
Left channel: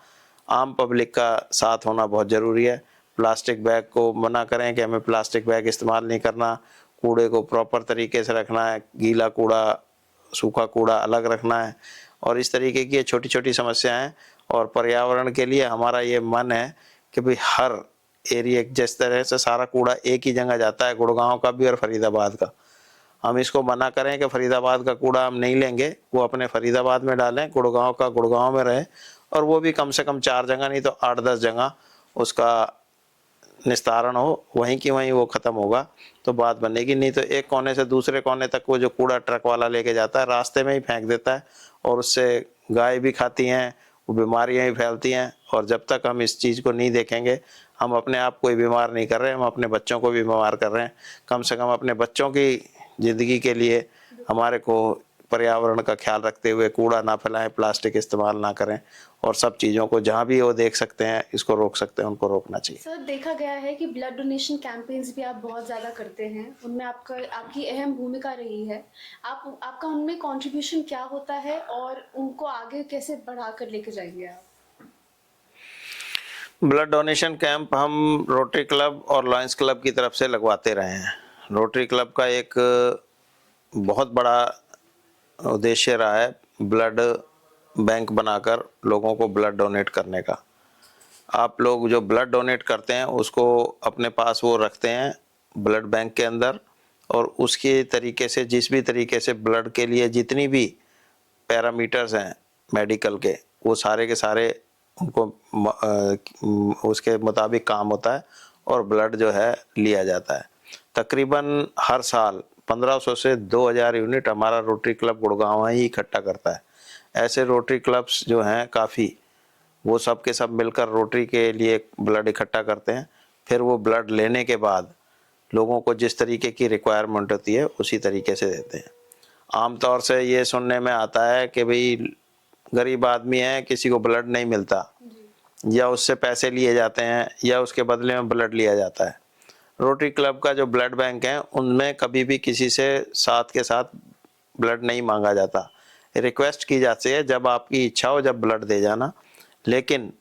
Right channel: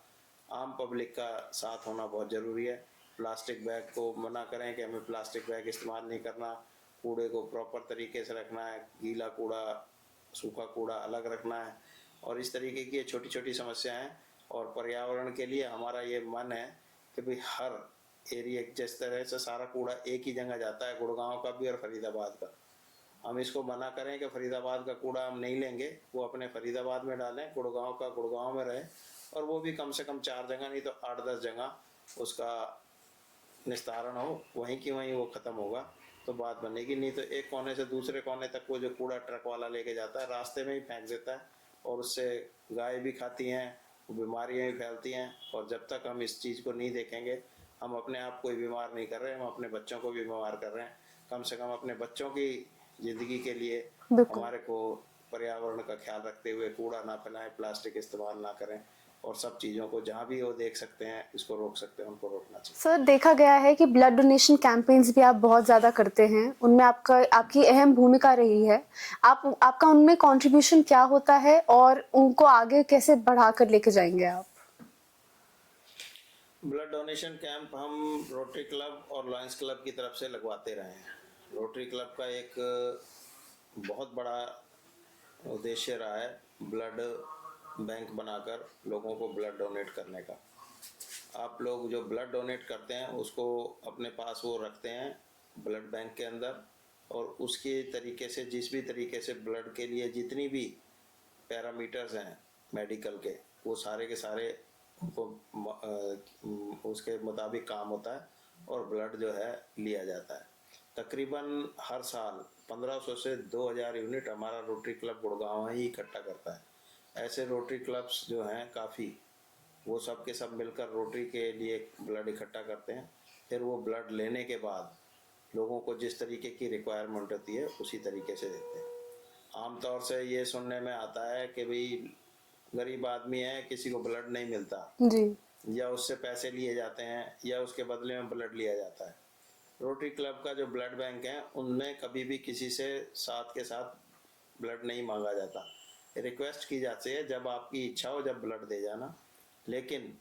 आम पब्लिक का साथ होना बहुत ज़रूरी है। प्लास्टिक बैग को मना करें कि हमें प्लास्टिक बैग इस्तेमाल नहीं करना, कूड़े को प्रॉपर तरीके से रखना है, गीला कूड़ा सूखा कूड़ा अलग रखना है, और इस तरीके की ये छोटी-छोटी समस्याएं। और पर्यावरण के लिए हमारा ये मन है कि भाई हर एरिया, जिस तरह से सारा कूड़ा एक ही जगह जाता है, गुड़गांव का भी और फरीदाबाद का, हम इसको मना करें कि फरीदाबाद का कूड़ा हम नहीं लेंगे, वो अपने फरीदाबाद में डालें, गुड़गांव का गुड़गांव में रहे, और वो भी कम से कम 4 जगह नहीं तो 8-10 जगह उसका निस्तारण हो, वहीं की वहीं वो ख़त्म होगा तो बात बनेगी। नहीं तो एक कोने से दूसरे कोने तक वो जो कूड़ा ट्रक वाला लेके जाता है, रास्ते में ही फेंक देता है, और उससे गाय भी खाती हैं, वो बीमारियां ही फैलती हैं। और जब तक हम इस चीज़ को नहीं देखेंगे, हम अपने आप को ही बीमार नहीं कर रहे, हम अपने बच्चों को भी बीमार कर रहे हैं। कम से कम अपने बच्चों की ज़िंदगी के लिए बिल्कुल। हमारे को पर्यावरण का ख्याल रखते हुए कूड़ा ना फैलाएं, प्लास्टिक इस्तेमाल ना करें, और सब चीज़ों को जहाँ भी वो देख सकते हैं, इसको रोक सकते हैं, उनको रोकना चाहिए। सर, देखा गया है कि ब्लड डोनेशन कैंपेन्स भी आप बहुत ज़्यादा करते हैं, उनमें आपकी अहम भूमिका रही है। आपका उनमें कंट्रीब्यूशन क्या होता है और उनको आगे कैसे बढ़ाकर लेके जाएँगे आप? ब्लड डोनेशन कैंप हम रोटरी क्लब और लॉयंस क्लब की तरफ से लगवाते रहे हैं। रोटरी क्लब का एक बहुत बड़ा उद्देश्य रहा है ब्लड बैंक बनाकर लोगों को ब्लड डोनेट करने का। आप लोग जो ब्लड डोनेट करते हैं उसको अपने पास वो रखते हैं ब्लड बैंक के अंदर, और उसके तरीके से जिस भी तरीके से ब्लड के लिए जितनी भी पैरामीटर्स हैं मेडिकल के, वो सारे के सारे उनको उसके मुताबिक काम होता है, और ब्लड जो है लिया जाता है। तकरीबन हर साल 1500 से 2000 यूनिट हमारा रोटरी क्लब गुड़गांव ही इकट्ठा करता है। ऐसे रोटरी क्लब्स जो हैं काफ़ी, वो सब के सब मिलकर रोटरी के लिए ब्लड इकट्ठा करते हैं। फिर वो ब्लड लेने के बाद लोगों को जिस तरीके की रिक्वायरमेंट होती है उसी तरीके से देते हैं। आमतौर से ये सुनने में आता है कि भाई गरीब आदमी है, किसी को ब्लड नहीं मिलता, जी। या उससे पैसे लिए जाते हैं, या उसके बदले में ब्लड लिया जाता है। रोटरी क्लब का जो ब्लड बैंक है उनमें कभी भी किसी से साथ के साथ ब्लड नहीं मांगा जाता। रिक्वेस्ट की जाती है जब आपकी इच्छा हो जब ब्लड दे जाना, लेकिन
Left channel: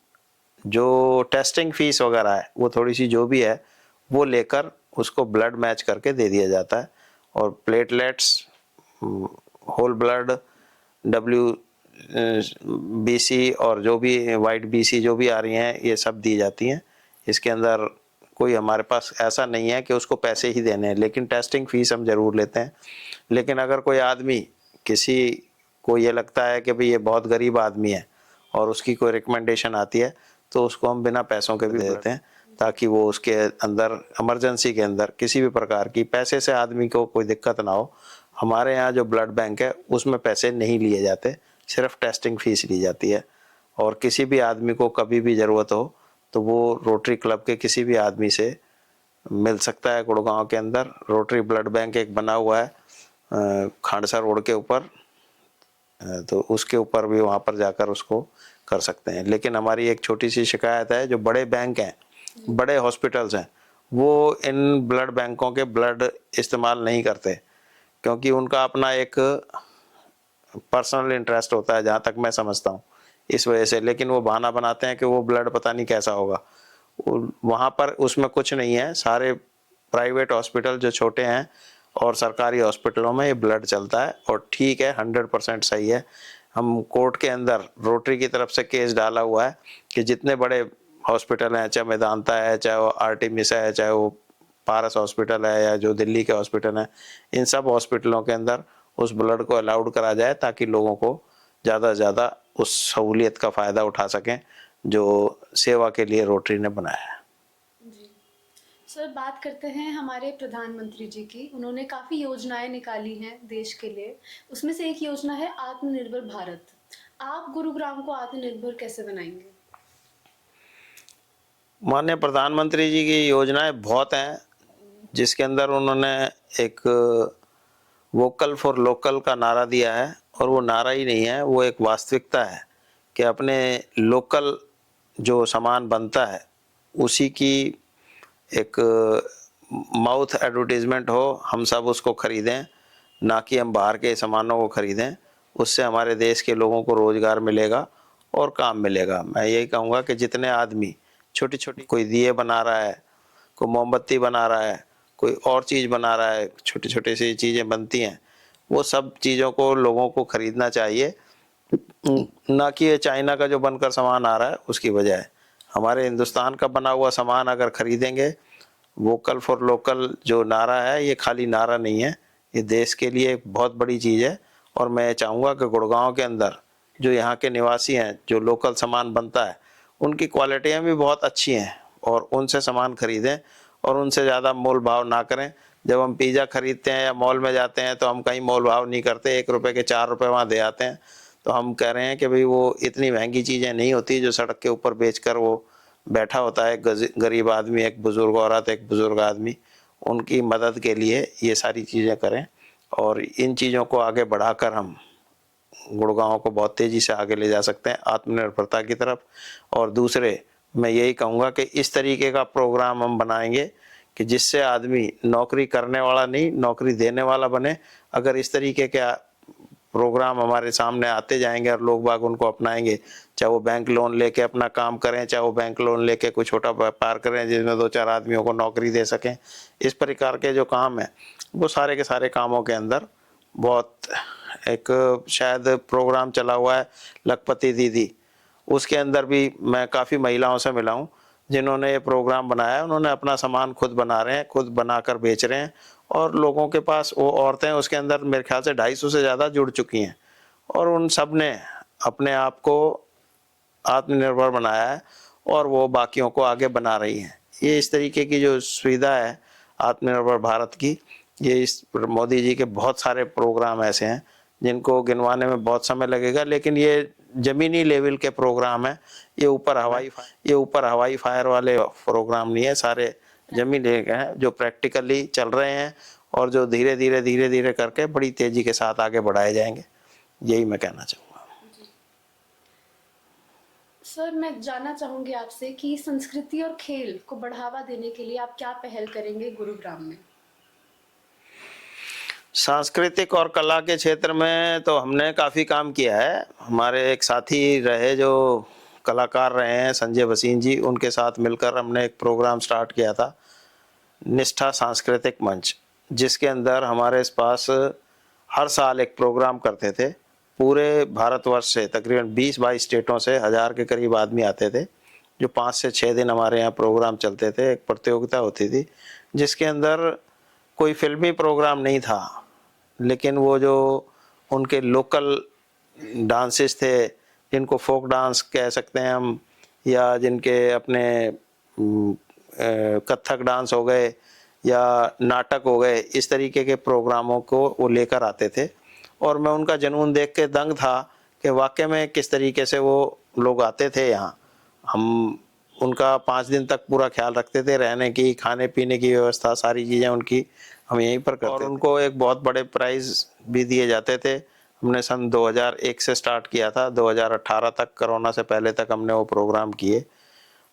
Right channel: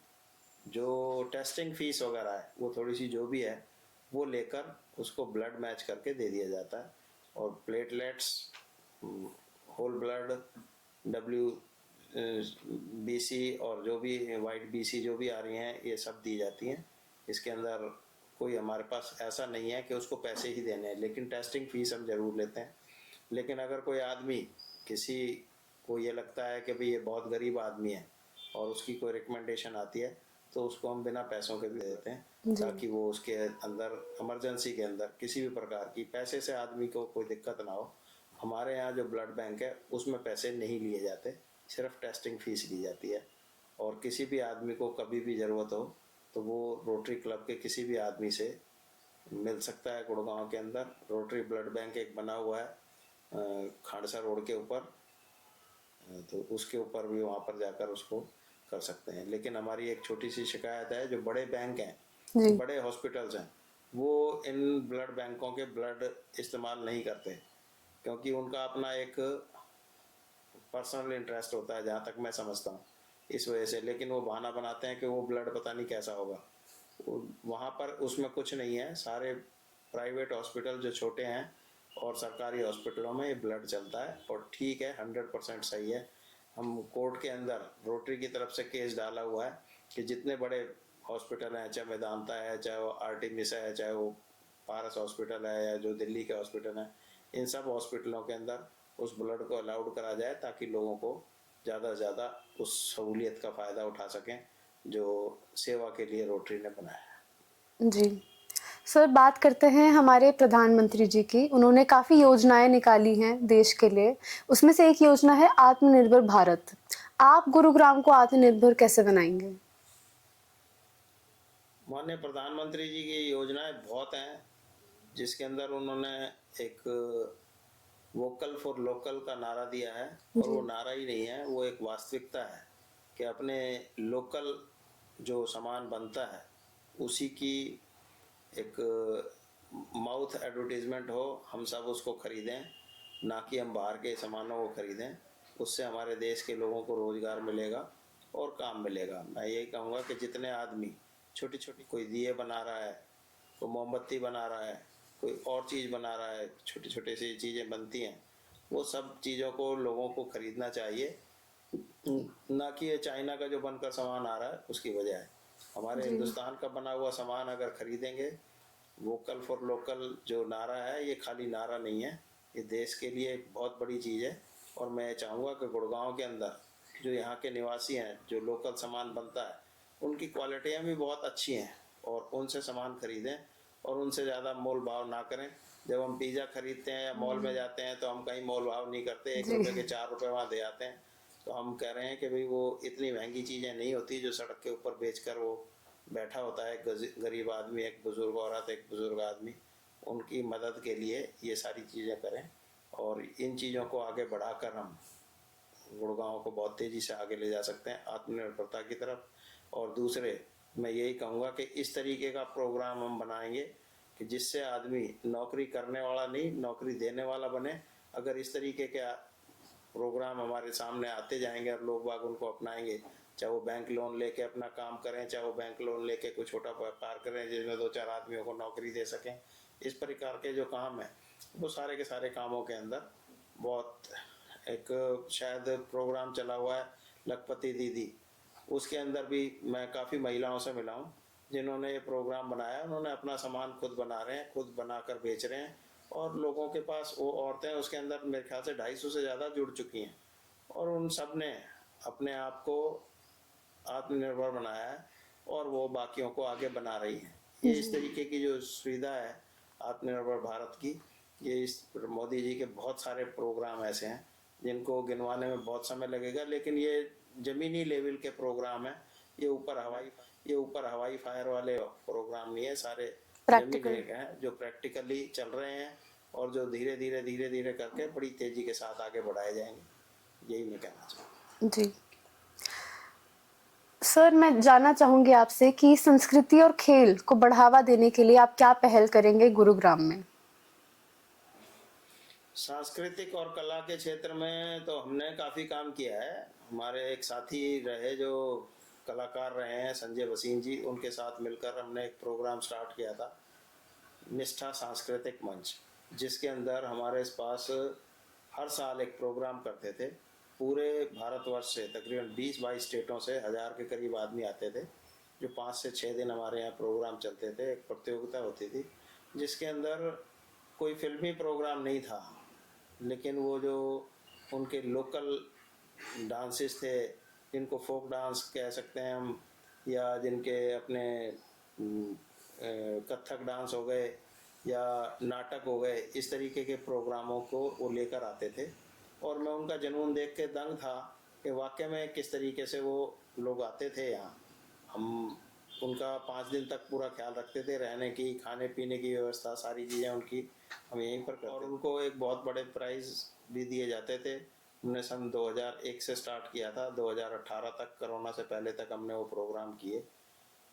जो टेस्टिंग फीस वगैरह है वो थोड़ी सी जो भी है वो लेकर उसको ब्लड मैच करके दे दिया जाता है। और platelets, whole blood, W BC, और जो भी वाइट बीसी जो भी आ रही हैं, ये सब दी जाती हैं। इसके अंदर कोई हमारे पास ऐसा नहीं है कि उसको पैसे ही देने हैं, लेकिन टेस्टिंग फीस हम ज़रूर लेते हैं। लेकिन अगर कोई आदमी, किसी को ये लगता है कि भाई ये बहुत गरीब आदमी है और उसकी कोई रिकमेंडेशन आती है, तो उसको हम बिना पैसों के भी दे देते हैं, ताकि वो उसके अंदर इमरजेंसी के अंदर किसी भी प्रकार की पैसे से आदमी को कोई दिक्कत ना हो। हमारे यहाँ जो ब्लड बैंक है उसमें पैसे नहीं लिए जाते, सिर्फ टेस्टिंग फीस ली जाती है। और किसी भी आदमी को कभी भी ज़रूरत हो तो वो रोटरी क्लब के किसी भी आदमी से मिल सकता है। गुड़गांव के अंदर रोटरी ब्लड बैंक एक बना हुआ है खांडसा रोड के ऊपर, तो उसके ऊपर भी वहाँ पर जाकर उसको कर सकते हैं। लेकिन हमारी एक छोटी सी शिकायत है, जो बड़े बैंक हैं, बड़े हॉस्पिटल्स हैं, वो इन ब्लड बैंकों के ब्लड इस्तेमाल नहीं करते, क्योंकि उनका अपना एक पर्सनल इंटरेस्ट होता है, जहाँ तक मैं समझता हूँ, इस वजह से। लेकिन वो बहाना बनाते हैं कि वो ब्लड पता नहीं कैसा होगा, वहाँ पर उसमें कुछ नहीं है। सारे प्राइवेट हॉस्पिटल जो छोटे हैं और सरकारी हॉस्पिटलों में ये ब्लड चलता है, और ठीक है, 100% सही है। हम कोर्ट के अंदर रोटरी की तरफ से केस डाला हुआ है कि जितने बड़े हॉस्पिटल हैं, चाहे मेदांता है, चाहे वो आर्टिमिसा है, चाहे वो पारस हॉस्पिटल है, या जो दिल्ली के हॉस्पिटल हैं, इन सब हॉस्पिटलों के अंदर उस ब्लड को अलाउड करा जाए, ताकि लोगों को ज़्यादा से ज़्यादा उस सहूलियत का फ़ायदा उठा सकें जो सेवा के लिए रोटरी ने बनाया है। जी। सर, बात करते हैं हमारे प्रधानमंत्री जी की। उन्होंने काफ़ी योजनाएँ निकाली हैं देश के लिए। उसमें से एक योजना है आत्मनिर्भर भारत। आप गुरुग्राम को आत्मनिर्भर कैसे बनाएँगे? माननीय प्रधानमंत्री जी की योजनाएं बहुत हैं, जिसके अंदर उन्होंने एक वोकल फॉर लोकल का नारा दिया है, और वो नारा ही नहीं है, वो एक वास्तविकता है कि अपने लोकल जो सामान बनता है उसी की एक माउथ एडवर्टीजमेंट हो, हम सब उसको खरीदें, ना कि हम बाहर के सामानों को खरीदें। उससे हमारे देश के लोगों को रोजगार मिलेगा और काम मिलेगा। मैं यही कहूँगा कि जितने आदमी छोटी छोटी, कोई दिए बना रहा है, कोई मोमबत्ती बना रहा है, कोई और चीज़ बना रहा है, छोटी छोटी सी चीज़ें बनती हैं, वो सब चीज़ों को लोगों को खरीदना चाहिए, ना कि ये चाइना का जो बनकर सामान आ रहा है उसकी बजाय हमारे हिंदुस्तान का बना हुआ सामान अगर खरीदेंगे। वोकल फॉर लोकल जो नारा है, ये खाली नारा नहीं है, ये देश के लिए एक बहुत बड़ी चीज़ है। और मैं चाहूँगा कि गुड़गांव के अंदर जो यहाँ के निवासी हैं, जो लोकल सामान बनता है, उनकी क्वालिटियाँ भी बहुत अच्छी हैं, और उनसे सामान खरीदें और उनसे ज़्यादा मोल भाव ना करें। जब हम पिज़्ज़ा खरीदते हैं या मॉल में जाते हैं तो हम कहीं मोल भाव नहीं करते, 1 रुपए के 4 रुपए वहाँ दे आते हैं। तो हम कह रहे हैं कि भाई वो इतनी महंगी चीज़ें नहीं होती जो सड़क के ऊपर बेचकर वो बैठा होता है, गरीब आदमी, एक बुजुर्ग औरत, एक बुजुर्ग आदमी, उनकी मदद के लिए ये सारी चीज़ें करें। और इन चीज़ों को आगे बढ़ाकर हम गुड़गांव को बहुत तेज़ी से आगे ले जा सकते हैं आत्मनिर्भरता की तरफ। और दूसरे, मैं यही कहूँगा कि इस तरीके का प्रोग्राम हम बनाएंगे कि जिससे आदमी नौकरी करने वाला नहीं, नौकरी देने वाला बने। अगर इस तरीके के प्रोग्राम हमारे सामने आते जाएंगे और लोग बाग उनको अपनाएंगे, चाहे वो बैंक लोन लेके अपना काम करें, चाहे वो बैंक लोन लेके कोई छोटा व्यापार करें जिसमें 2-4 आदमियों को नौकरी दे सकें, इस प्रकार के जो काम है, वो सारे के सारे कामों के अंदर बहुत एक शायद प्रोग्राम चला हुआ है लखपति दीदी, उसके अंदर भी मैं काफ़ी महिलाओं से मिला हूँ जिन्होंने ये प्रोग्राम बनाया है। उन्होंने अपना सामान खुद बना रहे हैं, खुद बनाकर बेच रहे हैं, और लोगों के पास, वो औरतें उसके अंदर मेरे ख्याल से 250 से ज़्यादा जुड़ चुकी हैं, और उन सब ने अपने आप को आत्मनिर्भर बनाया है और वो बाकियों को आगे बना रही हैं। ये इस तरीके की जो सुविधा है आत्मनिर्भर भारत की, ये इस मोदी जी के बहुत सारे प्रोग्राम ऐसे हैं जिनको गिनवाने में बहुत समय लगेगा, लेकिन ये ज़मीनी लेवल के प्रोग्राम है। ये ऊपर हवाई फायर वाले प्रोग्राम नहीं है, सारे ज़मीनी लेवल के हैं जो प्रैक्टिकली चल रहे हैं और जो धीरे धीरे करके बड़ी तेज़ी के साथ आगे बढ़ाए जाएंगे। यही मैं कहना चाहूँगा। जी सर, मैं जानना चाहूंगी आपसे कि संस्कृति और खेल को बढ़ावा देने के लिए आप क्या पहल करेंगे गुरुग्राम में? सांस्कृतिक और कला के क्षेत्र में तो हमने काफ़ी काम किया है। हमारे एक साथी रहे जो कलाकार रहे हैं, संजय भसीन जी, उनके साथ मिलकर हमने एक प्रोग्राम स्टार्ट किया था, निष्ठा सांस्कृतिक मंच, जिसके अंदर हमारे इस पास हर साल एक प्रोग्राम करते थे। पूरे भारतवर्ष से तकरीबन 20-22 स्टेटों से 1000 के करीब आदमी आते थे, जो 5 से 6 दिन हमारे यहाँ प्रोग्राम चलते थे। एक प्रतियोगिता होती थी जिसके अंदर कोई फिल्मी प्रोग्राम नहीं था, लेकिन वो जो उनके लोकल डांसेस थे, जिनको फोक डांस कह सकते हैं हम, या जिनके अपने कथक डांस हो गए या नाटक हो गए, इस तरीके के प्रोग्रामों को वो लेकर आते थे। और मैं उनका जुनून देख के दंग था कि वाकई में किस तरीके से वो लोग आते थे यहाँ। हम उनका 5 दिन तक पूरा ख्याल रखते थे, रहने की, खाने पीने की व्यवस्था, सारी चीज़ें उनकी हम यहीं पर करते थे। और उनको एक बहुत बड़े प्राइज़ भी दिए जाते थे। हमने सन 2001 से स्टार्ट किया था, 2018 तक, कोरोना से पहले तक हमने वो प्रोग्राम किए।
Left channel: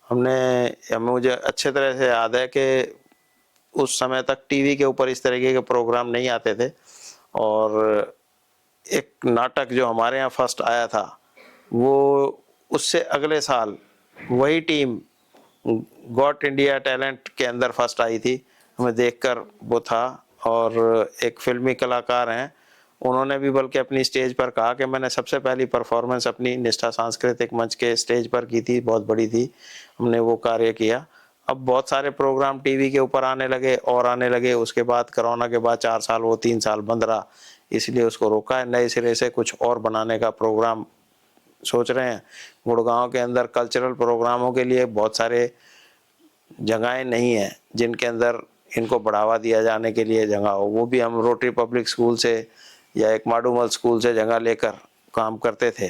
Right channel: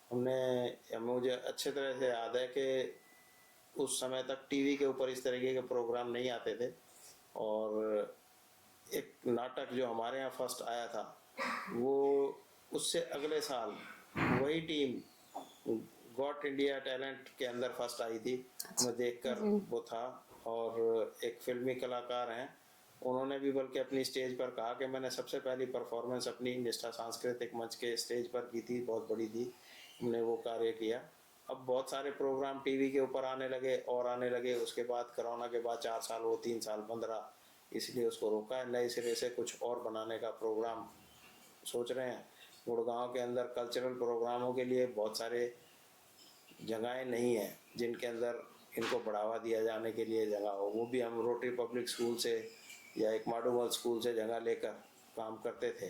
मुझे अच्छे तरह से याद है कि उस समय तक टीवी के ऊपर इस तरीके के प्रोग्राम नहीं आते थे। और एक नाटक जो हमारे यहाँ फर्स्ट आया था, वो उससे अगले साल वही टीम गॉट इंडिया टैलेंट के अंदर फर्स्ट आई थी। हमें देखकर वो था। और एक फिल्मी कलाकार हैं, उन्होंने भी बल्कि अपनी स्टेज पर कहा कि मैंने सबसे पहली परफॉर्मेंस अपनी निष्ठा सांस्कृतिक मंच के स्टेज पर की थी, बहुत बड़ी थी, हमने वो कार्य किया। अब बहुत सारे प्रोग्राम टीवी के ऊपर आने लगे और आने लगे। उसके बाद कोरोना के बाद 4 साल, वो 3 साल बंद रहा, इसलिए उसको रोका है। नए सिरे से कुछ और बनाने का प्रोग्राम सोच रहे हैं। गुड़गांव के अंदर कल्चरल प्रोग्रामों के लिए बहुत सारे जगहें नहीं हैं जिनके अंदर इनको बढ़ावा दिया जाने के लिए जगह हो। वो भी हम रोटरी पब्लिक स्कूल से या एक माडूमल स्कूल से जगह लेकर काम करते थे,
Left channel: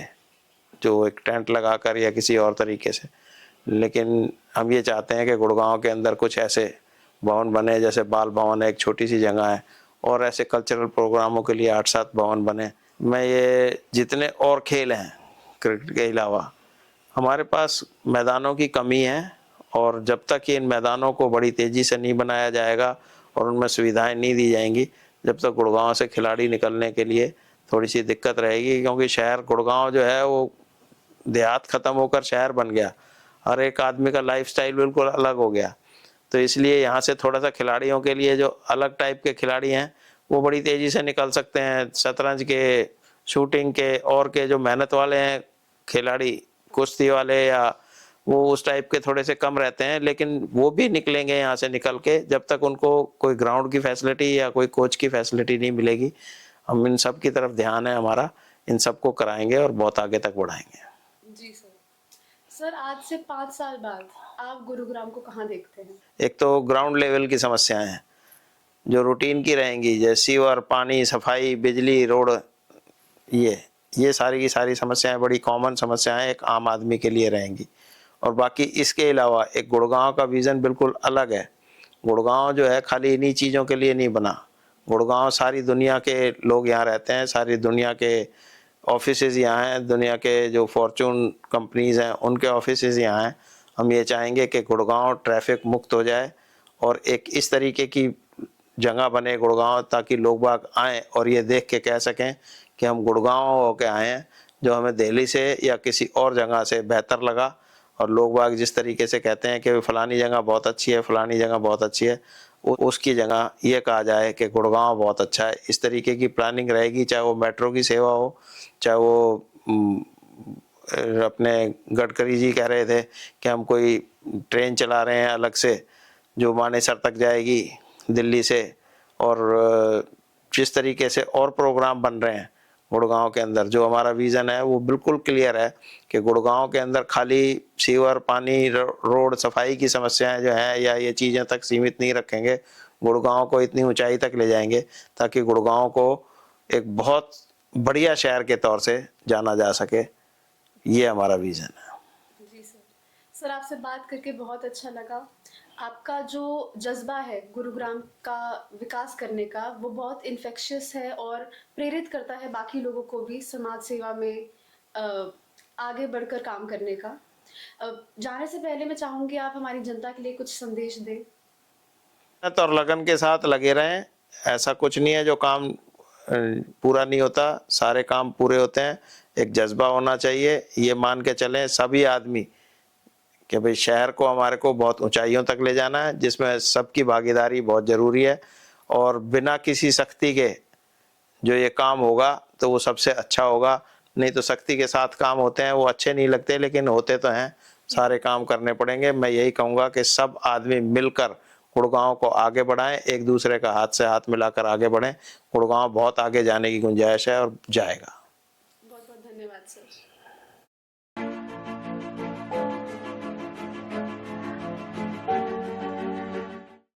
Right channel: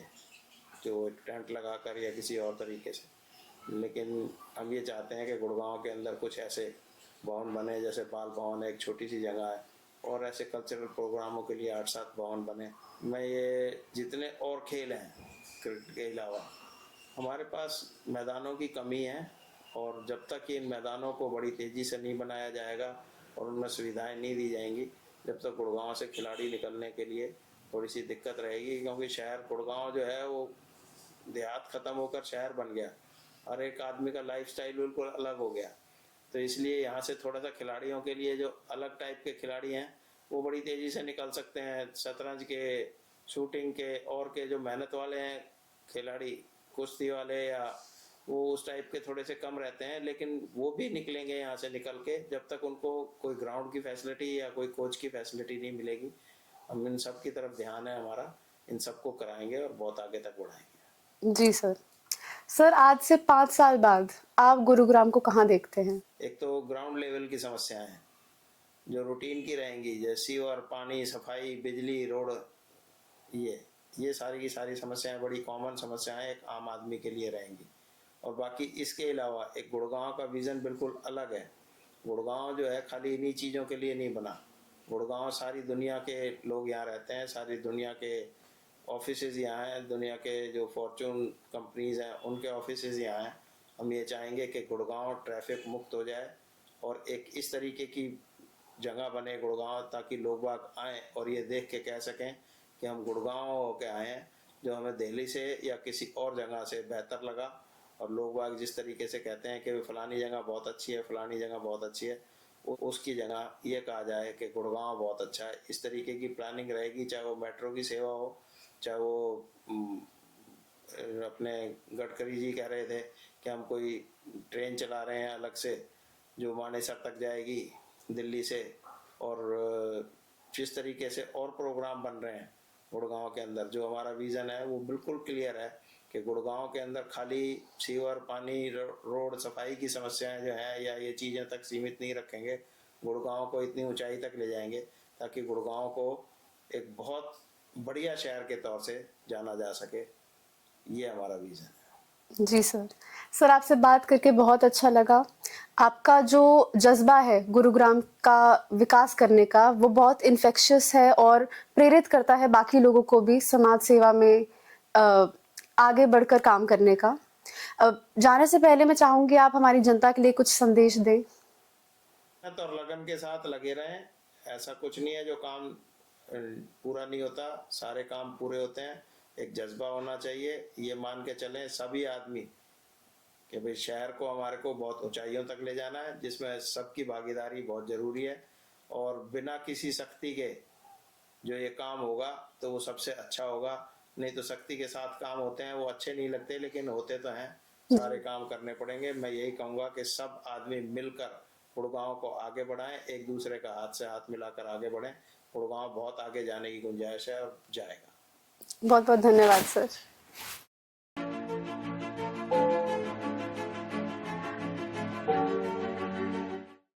जो एक टेंट लगाकर या किसी और तरीके से। लेकिन हम ये चाहते हैं कि गुड़गांव के अंदर कुछ ऐसे भवन बने, जैसे बाल भवन है, एक छोटी सी जगह है, और ऐसे कल्चरल प्रोग्रामों के लिए 8-7 भवन बने। मैं ये जितने और खेल हैं क्रिकेट के अलावा, हमारे पास मैदानों की कमी है और जब तक ये इन मैदानों को बड़ी तेज़ी से नहीं बनाया जाएगा और उनमें सुविधाएं नहीं दी जाएंगी, जब तक गुड़गांव से खिलाड़ी निकलने के लिए थोड़ी सी दिक्कत रहेगी, क्योंकि शहर गुड़गांव जो है वो देहात ख़त्म होकर शहर बन गया। हर एक आदमी का लाइफस्टाइल बिल्कुल अलग हो गया। तो इसलिए यहाँ से थोड़ा सा खिलाड़ियों के लिए जो अलग टाइप के खिलाड़ी हैं वो बड़ी तेज़ी से निकल सकते हैं। शतरंज के, शूटिंग के और के जो मेहनत वाले हैं खिलाड़ी, कुश्ती वाले या वो उस टाइप के थोड़े से कम रहते हैं, लेकिन वो भी निकलेंगे यहाँ से निकल के जब तक उनको कोई ग्राउंड की फैसिलिटी या कोई कोच की फैसिलिटी नहीं मिलेगी। हम इन सब की तरफ ध्यान है हमारा, इन सबको कराएंगे और बहुत आगे तक बढ़ाएंगे। जी सर। सर, आज से 5 साल बाद आप गुरुग्राम को कहाँ देखते हैं? एक तो ग्राउंड लेवल की समस्याएं हैं जो रूटीन की रहेंगी, जैसे सीवर, पानी, सफाई, बिजली, रोड, ये सारी की सारी समस्याएं बड़ी कॉमन समस्याएं एक आम आदमी के लिए रहेंगी। और बाकी इसके अलावा एक गुड़गांव का विज़न बिल्कुल अलग है। गुड़गांव जो है खाली इन्हीं चीज़ों के लिए नहीं बना। गुड़गांव सारी दुनिया के लोग यहाँ रहते हैं, सारी दुनिया के ऑफिसेज़ यहाँ हैं, दुनिया के जो फॉर्चून कंपनीज़ हैं उनके ऑफिसेज़ यहाँ हैं। हम ये चाहेंगे कि गुड़गांव ट्रैफिक मुक्त हो जाए और एक इस तरीके की जगह बने गुड़गांव, ताकि लोग बाग आएँ और ये देख के कह सकें कि हम गुड़गांव होके आए हैं, जो हमें दिल्ली से या किसी और जगह से बेहतर लगा। और लोग बाग जिस तरीके से कहते हैं कि फलानी जगह बहुत अच्छी है, फलानी जगह बहुत अच्छी है, उसकी जगह ये कहा जाए कि गुड़गांव बहुत अच्छा है। इस तरीके की प्लानिंग रहेगी, चाहे वो मेट्रो की सेवा हो, चाहे वो अपने गडकरी जी कह रहे थे कि हम कोई ट्रेन चला रहे हैं अलग से जो मानेसर तक जाएगी दिल्ली से, और जिस तरीके से और प्रोग्राम बन रहे हैं गुड़गांव के अंदर, जो हमारा विज़न है वो बिल्कुल क्लियर है कि गुड़गांव के अंदर खाली सीवर, पानी, रोड, सफाई की समस्याएं जो हैं या ये चीज़ें तक सीमित नहीं रखेंगे। गुड़गांव को इतनी ऊंचाई तक ले जाएंगे ताकि गुड़गांव को एक बहुत बढ़िया शहर के तौर से जाना जा सके। ये हमारा विज़न है। जी सर। सर, आपसे बात करके बहुत अच्छा लगा। आपका जो जज़्बा है गुरुग्राम का विकास करने का, वो बहुत इन्फेक्शियस है और प्रेरित करता है बाकी लोगों को भी समाज सेवा में आगे बढ़कर काम करने का। जाने से पहले मैं चाहूँगी आप हमारी जनता के लिए कुछ संदेश दें। मेहनत और लगन के साथ लगे रहें। ऐसा कुछ नहीं है जो काम पूरा नहीं होता, सारे काम पूरे होते हैं। एक जज्बा होना चाहिए, ये मान के चलें सभी आदमी कि भाई शहर को, हमारे को बहुत ऊंचाइयों तक ले जाना है, जिसमें सबकी भागीदारी बहुत ज़रूरी है। और बिना किसी सख्ती के जो ये काम होगा तो वो सबसे अच्छा होगा। नहीं तो सख्ती के साथ काम होते हैं वो अच्छे नहीं लगते, लेकिन होते तो हैं, सारे काम करने पड़ेंगे। मैं यही कहूँगा कि सब आदमी मिलकर गुड़गांव को आगे बढ़ाएं, एक दूसरे का हाथ से हाथ मिलाकर आगे बढ़ें। गुड़गांव बहुत आगे जाने की गुंजाइश है और जाएगा। बहुत बहुत धन्यवाद सर।